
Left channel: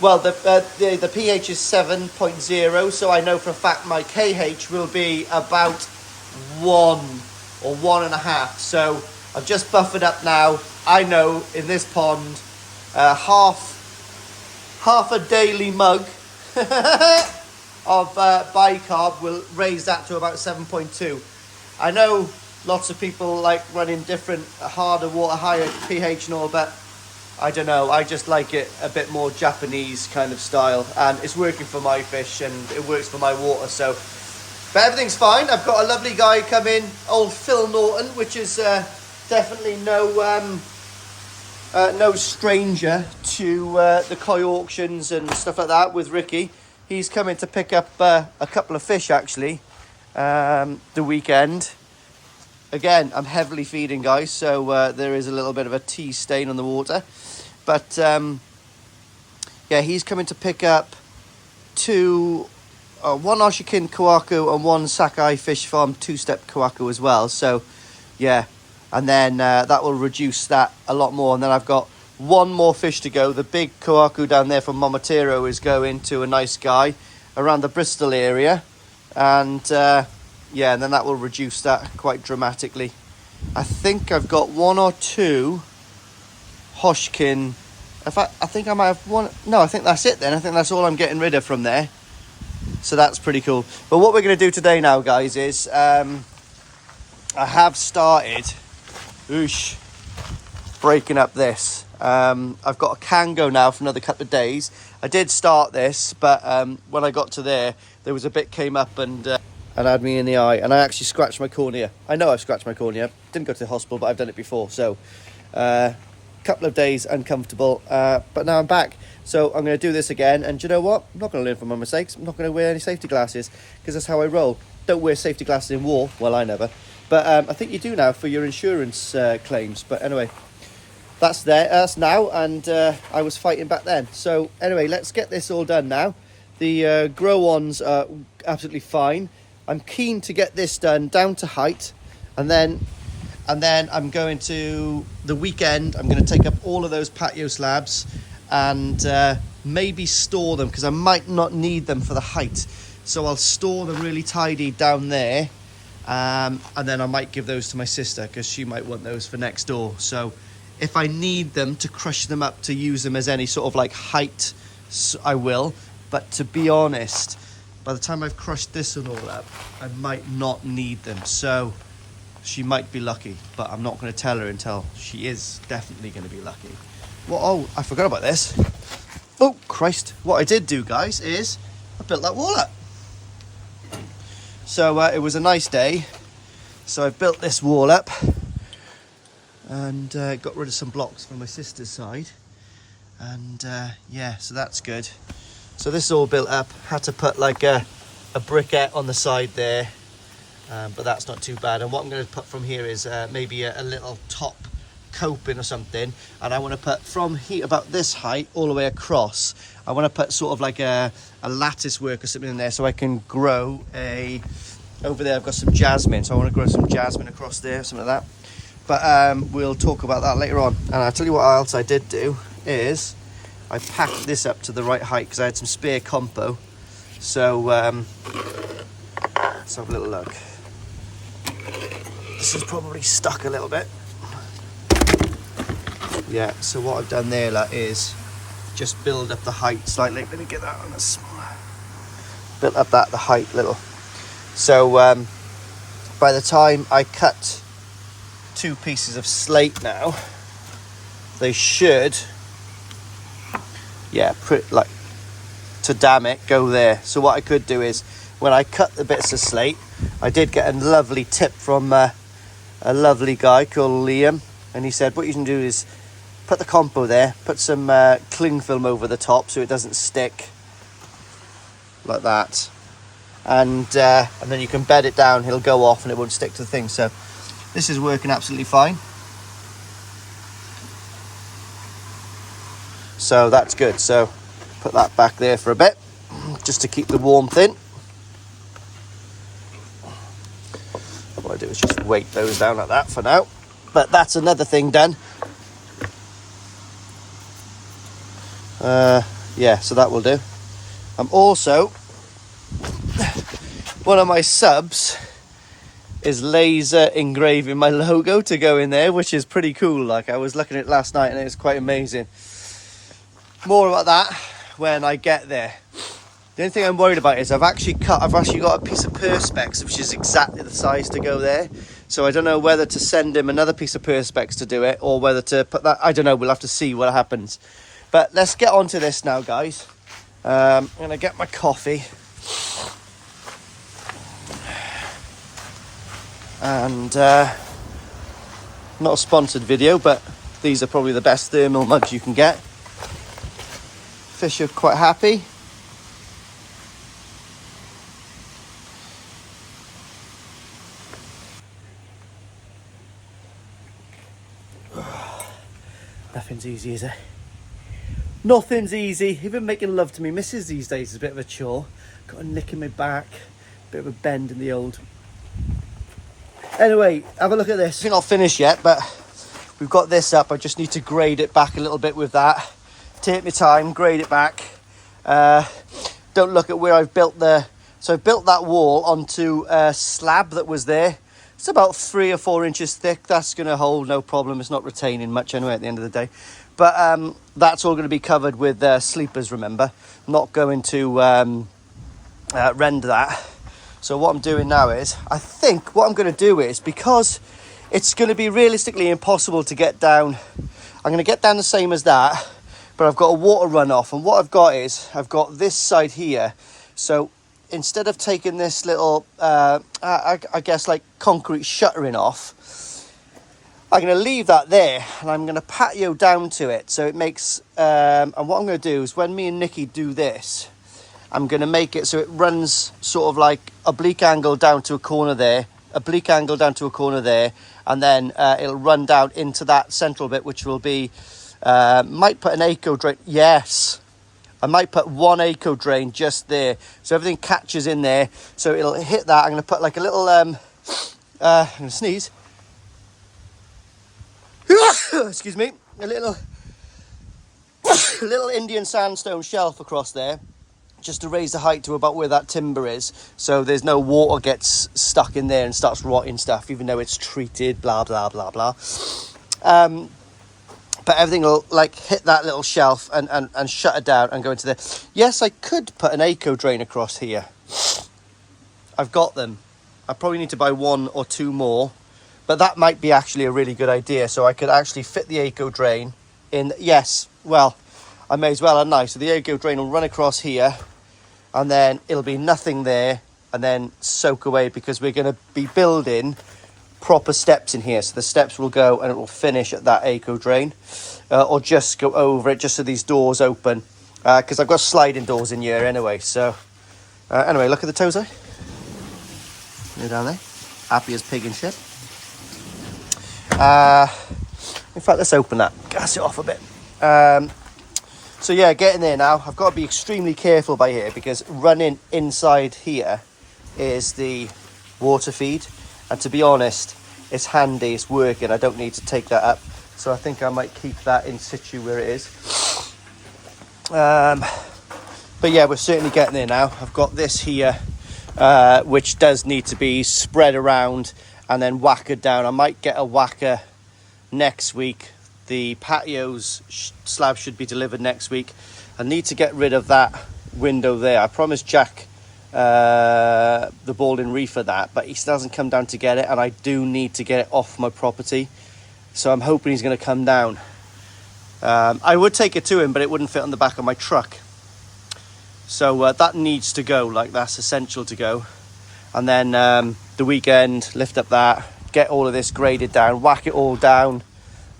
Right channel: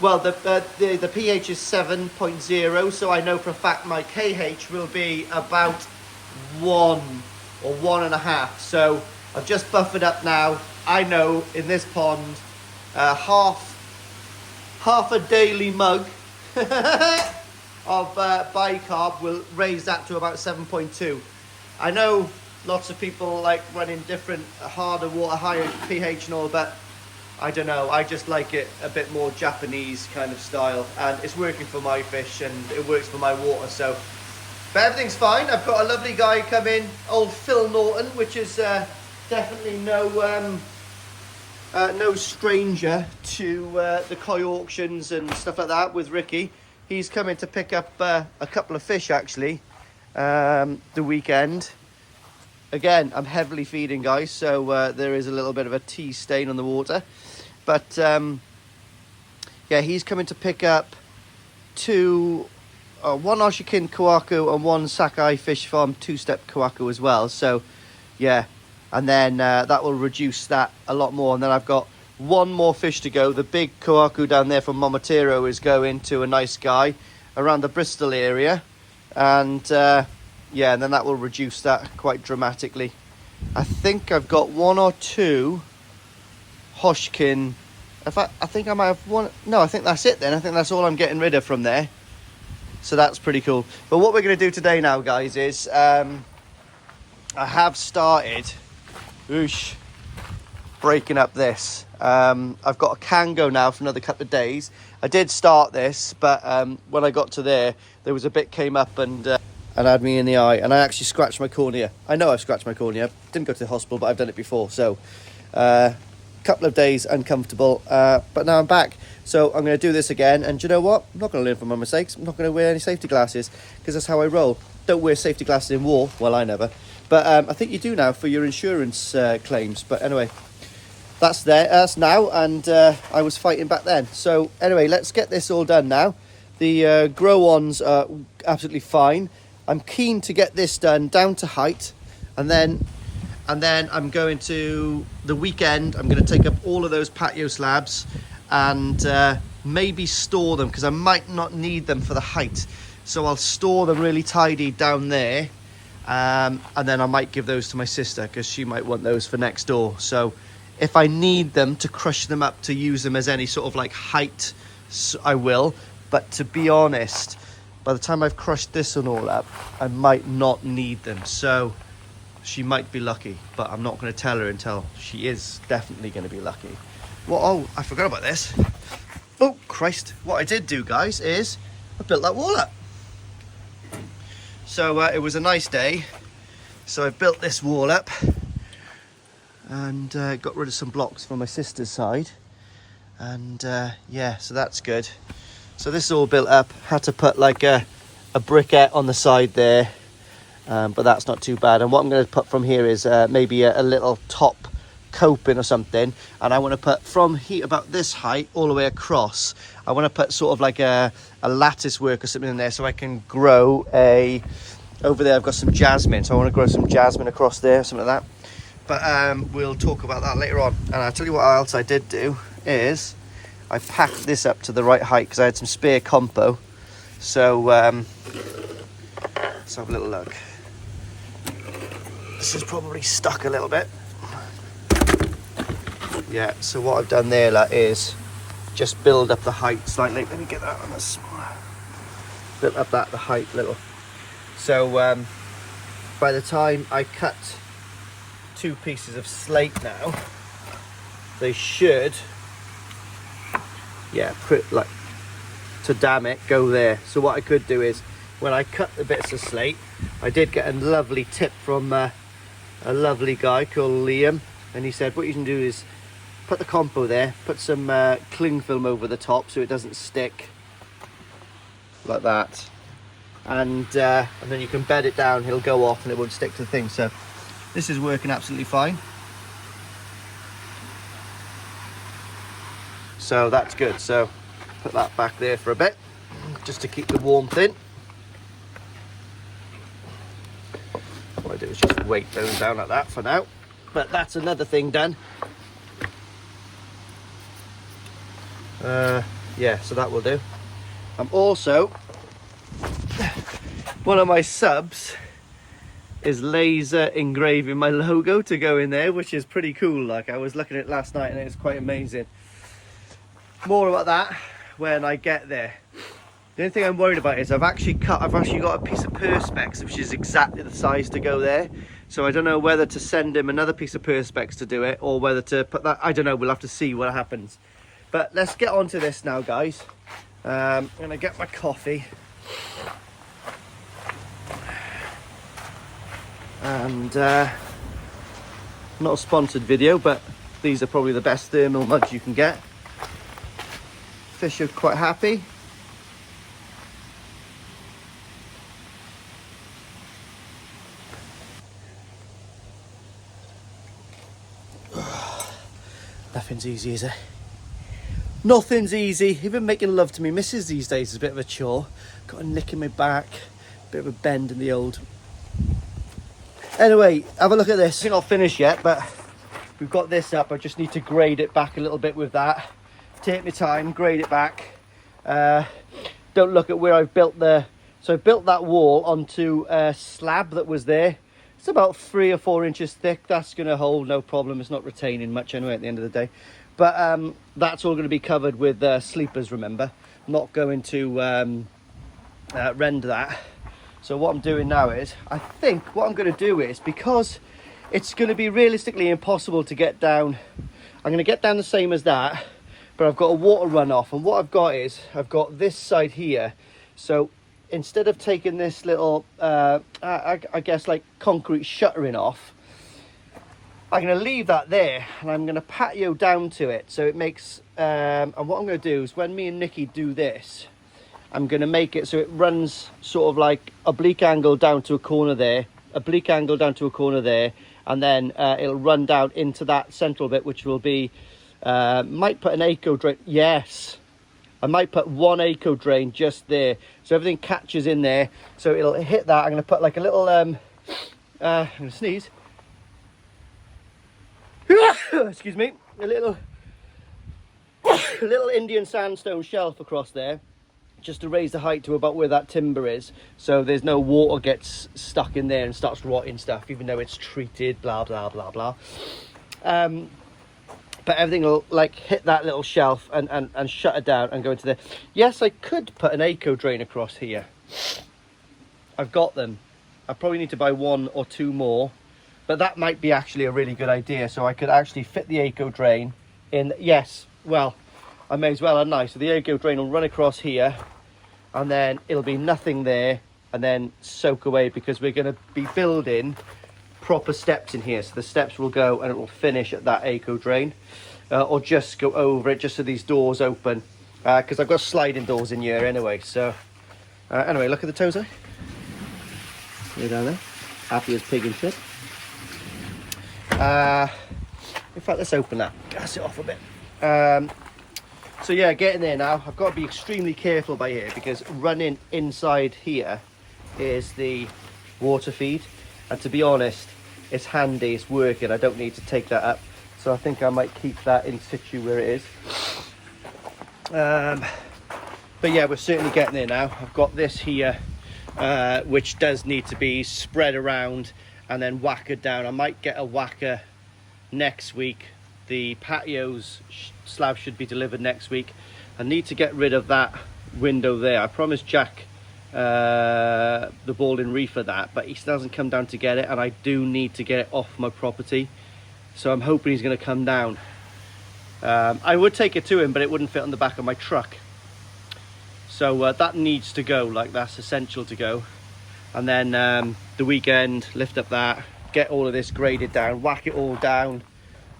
Well, the pH is 7.0, so I know for a fact my KH will be about 1 or 1.5. So I've just buffered up now. I know in this pond, half a daily mug of bicarb will raise that to about 7.2. I know lots of people like running different harder water, higher pH and all, but I don't know, I just like it a bit more Japanese kind of style, and it's working for my fish and it works for my water. So, but everything's fine. I've got a lovely guy come in, old Phil Norton, which is definitely no stranger to the koi auctions and stuff like that with Ricky. He's coming to pick up a couple of fish actually the weekend. Again, I'm heavily feeding, guys, so there is a little bit of a tea stain on the water. But yeah, he's coming to pick up one Oshikin Kawaku and one Sakai Fish Farm 2-step Kawaku as well. So yeah, and then that will reduce that a lot more. And then I've got one more fish to go. The big Kawaku down there from Momotiro is going to a nice guy around the Bristol area. And yeah, and then that will reduce that quite dramatically. I think I've got 1 or 2 Hoshkin. In fact, I think I might have one. No, I think that's it then. I think that's all I'm getting rid of from there. So that's pretty cool. But what we're going to do today now, guys, is I have started breaking up this. I've got a Kango now for another couple of days. I did start this, but when I got to there was a bit came up and had me in the eye, and I actually scratched my cornea. I know I've scratched my cornea. Didn't go to the hospital, but I've done it before. So couple of days uncomfortable, but now I'm back. So I'm going to do this again, and do you know what? I'm not going to learn from my mistakes. I'm not going to wear any safety glasses because that's how I roll. Don't wear safety glasses in war. Well, I never. But I think you do now for your insurance claims. But anyway, that's now, and I was fighting back then. So anyway, let's get this all done now. The grow-ons are absolutely fine. I'm keen to get this done down to height, and then I'm going to the weekend. I'm going to take up all of those patio slabs and maybe store them because I might not need them for the height. So I'll store them really tidy down there, and then I might give those to my sister because she might want those for next door. So if I need them to crush them up to use them as any sort of like height, I will. But to be honest, by the time I've crushed this and all up, I might not need them. So she might be lucky, but I'm not going to tell her until she is definitely going to be lucky. Well, oh, I forgot about this. Oh, Christ. What I did do, guys, is I built that wall up. So it was a nice day. So I built this wall up and got rid of some blocks from my sister's side. And yeah, so that's good. So this is all built up. Had to put like a briquette on the side there, but that's not too bad. And what I'm going to put from here is maybe a little top coping or something. And I want to put from here about this height all the way across. I want to put sort of like a lattice work or something in there, so I can grow over there I've got some jasmine, so I want to grow some jasmine across there, something like that. But we'll talk about that later on. And I'll tell you what else I did do is I packed this up to the right height because I had some spare compo. So let's have a little look. This is probably stuck a little bit. Yeah, so what I've done there is just build up the height slightly. Let me get that on a smaller. Built up the height little. So by the time I cut 2 pieces of slate now, they should, yeah, like to damn it, go there. So what I could do is when I cut the bits of slate, I did get a lovely tip from a lovely guy called Liam, and he said what you can do is put the compo there, put some cling film over the top so it doesn't stick like that, and then you can bed it down, it'll go off and it won't stick to the thing. So this is working absolutely fine. So that's good. So put that back there for a bit just to keep the warmth in. What I do is just weight those down like that for now. But that's another thing done. Yeah, so that will do. I'm also, one of my subs is laser engraving my logo to go in there, which is pretty cool. Like, I was looking at it last night and it was quite amazing. More about that when I get there. The only thing I'm worried about is I've actually got a piece of perspex which is exactly the size to go there. So I don't know whether to send him another piece of perspex to do it or whether to put that, I don't know, we'll have to see what happens. But let's get on to this now, guys. I'm gonna get my coffee. And not a sponsored video, but these are probably the best thermal mugs you can get. Fish are quite happy. Nothing's easy, is it? Nothing's easy. Even making love to me missus these days is a bit of a chore. Got a nick in my back, bit of a bend in the old. Anyway, have a look at this. I think I'll finish yet, but we've got this up. I just need to grade it back a little bit with that. Take my time, grade it back. Don't look at where I've built so I've built that wall onto a slab that was there. It's about 3 or 4 inches thick. That's going to hold no problem. It's not retaining much anyway at the end of the day. But that's all going to be covered with sleepers, remember. I'm not going to render that. So what I'm doing now is, I think what I'm going to do is, because it's going to be realistically impossible to get down, I'm going to get down the same as that, but I've got a water runoff. And what I've got is, I've got this side here. So instead of taking this little, I guess like concrete shuttering off, I'm going to leave that there and I'm going to patio down to it. So it makes, and what I'm going to do is when me and Nikki do this, I'm going to make it so it runs sort of like oblique angle down to a corner there, oblique angle down to a corner there, and then it'll run down into that central bit, which will be, might put an eco drain. Yes, I might put 1 eco drain just there. So everything catches in there. So it'll hit that. I'm going to put like a little, I'm going to sneeze. Excuse me. A little Indian sandstone shelf across there, just to raise the height to about where that timber is, so there's no water gets stuck in there and starts rotting stuff, even though it's treated, blah blah blah blah. But everything will like hit that little shelf and shut it down and go into there. Yes, I could put an eco drain across here. I've got them. I probably need to buy 1 or 2 more, but that might be actually a really good idea. So I could actually fit the eco drain in. Yes, well, I may as well, hadn't I? So the eco drain will run across here, and then it'll be nothing there, and then soak away, because we're going to be building proper steps in here. So the steps will go and it will finish at that eco drain. or just go over it just so these doors open, because I've got sliding doors in here anyway. So anyway, look at the toes there. You're down there, happy as pig and shit. In fact, let's open that, gas it off a bit. So yeah, getting there now. I've got to be extremely careful by here because running inside here is the water feed, and to be honest, it's handy, it's working. I don't need to take that up, so I think I might keep that in situ where it is. But yeah, we're certainly getting there now. I've got this here, which does need to be spread around and then whackered down. I might get a whacker next week. The patio's slab should be delivered next week. I need to get rid of that window there. I promised Jack the balding reefer that, but he still hasn't come down to get it, and I do need to get it off my property. So I'm hoping he's going to come down. I would take it to him, but it wouldn't fit on the back of my truck. So that needs to go, like that's essential to go. And then the weekend, lift up that, get all of this graded down, whack it all down,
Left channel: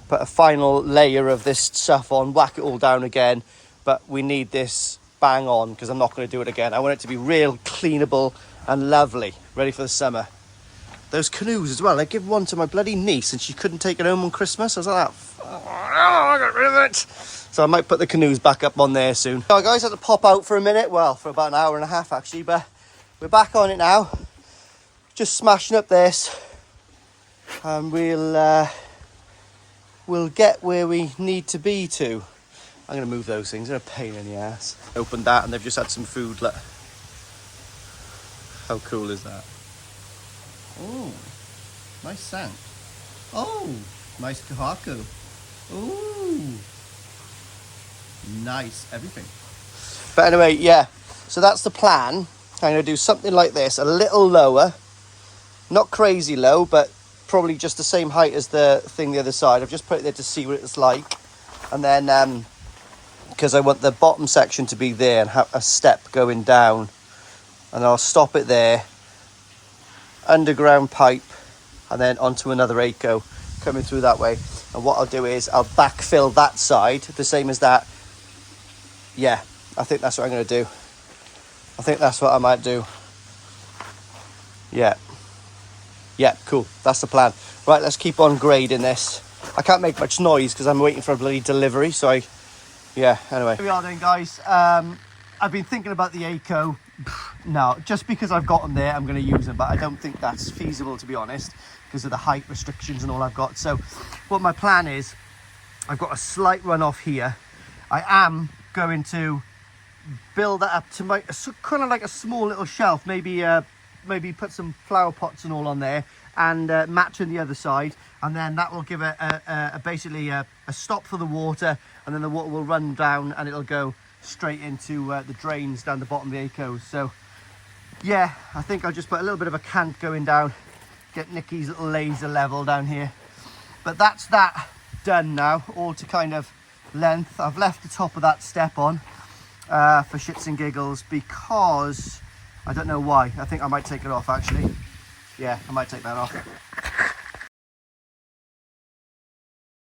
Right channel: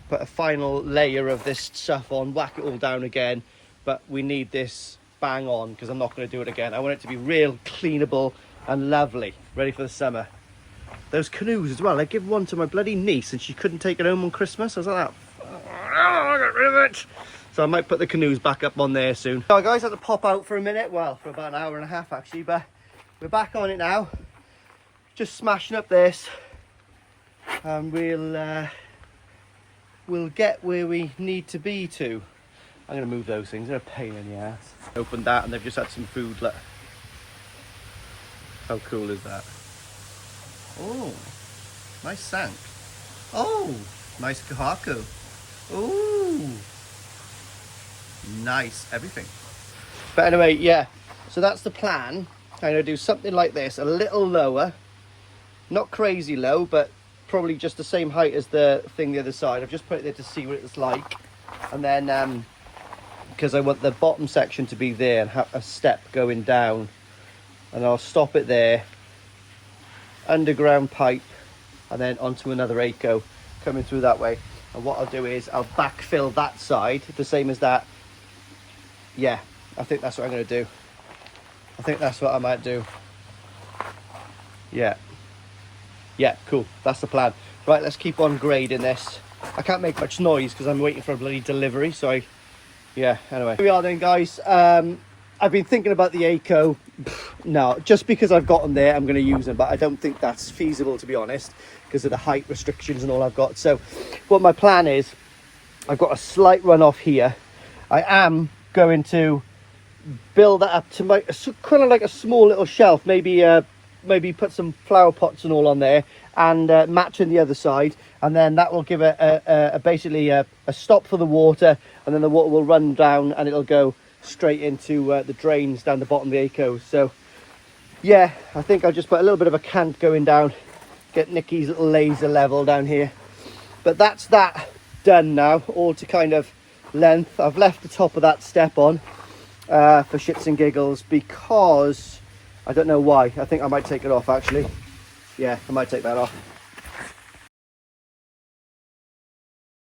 put a final layer of this stuff on, whack it all down again. But we need this bang on because I'm not going to do it again. I want it to be real cleanable and lovely, ready for the summer. Those canoes as well, I give one to my bloody niece and she couldn't take it home on Christmas. I was like, oh, I got rid of it. So I might put the canoes back up on there soon. So guys, I had to pop out for a minute, well, for about an hour and a half actually, but we're back on it now. Just smashing up this, and we'll get where we need to be to. I'm going to move those things, they're a pain in the ass. Opened that and they've just had some food. Look. How cool is that? Oh, nice sank. Oh, nice kahaku. Ooh, nice everything. But anyway, yeah, so that's the plan. I'm going to do something like this, a little lower. Not crazy low, but probably just the same height as the thing the other side. I've just put it there to see what it's like. And then, because I want the bottom section to be there and have a step going down. And I'll stop it there. Underground pipe. And then onto another ACO coming through that way. And what I'll do is I'll backfill that side, the same as that. Yeah, I think that's what I'm going to do. I think that's what I might do. Yeah. Yeah, cool. That's the plan. Right, let's keep on grading this. I can't make much noise because I'm waiting for a bloody delivery. So yeah, anyway. Here we are then, guys. I've been thinking about the ACO. No, just because I've got them there, I'm going to use them. But I don't think that's feasible, to be honest, because of the height restrictions and all I've got. So what my plan is, I've got a slight runoff here. I am going to build that up to my kind of like a small little shelf. Maybe put some flower pots and all on there, and matching the other side, and then that will give basically a stop for the water, and then the water will run down and it'll go straight into the drains down the bottom of the ACO. So yeah, I think I'll just put a little bit of a cant going down, get Nikki's little laser level down here. But that's that done now, all to kind of length. I've left the top of that step on for shits and giggles, because I don't know why. I think I might take it off actually. Yeah, I might take that off.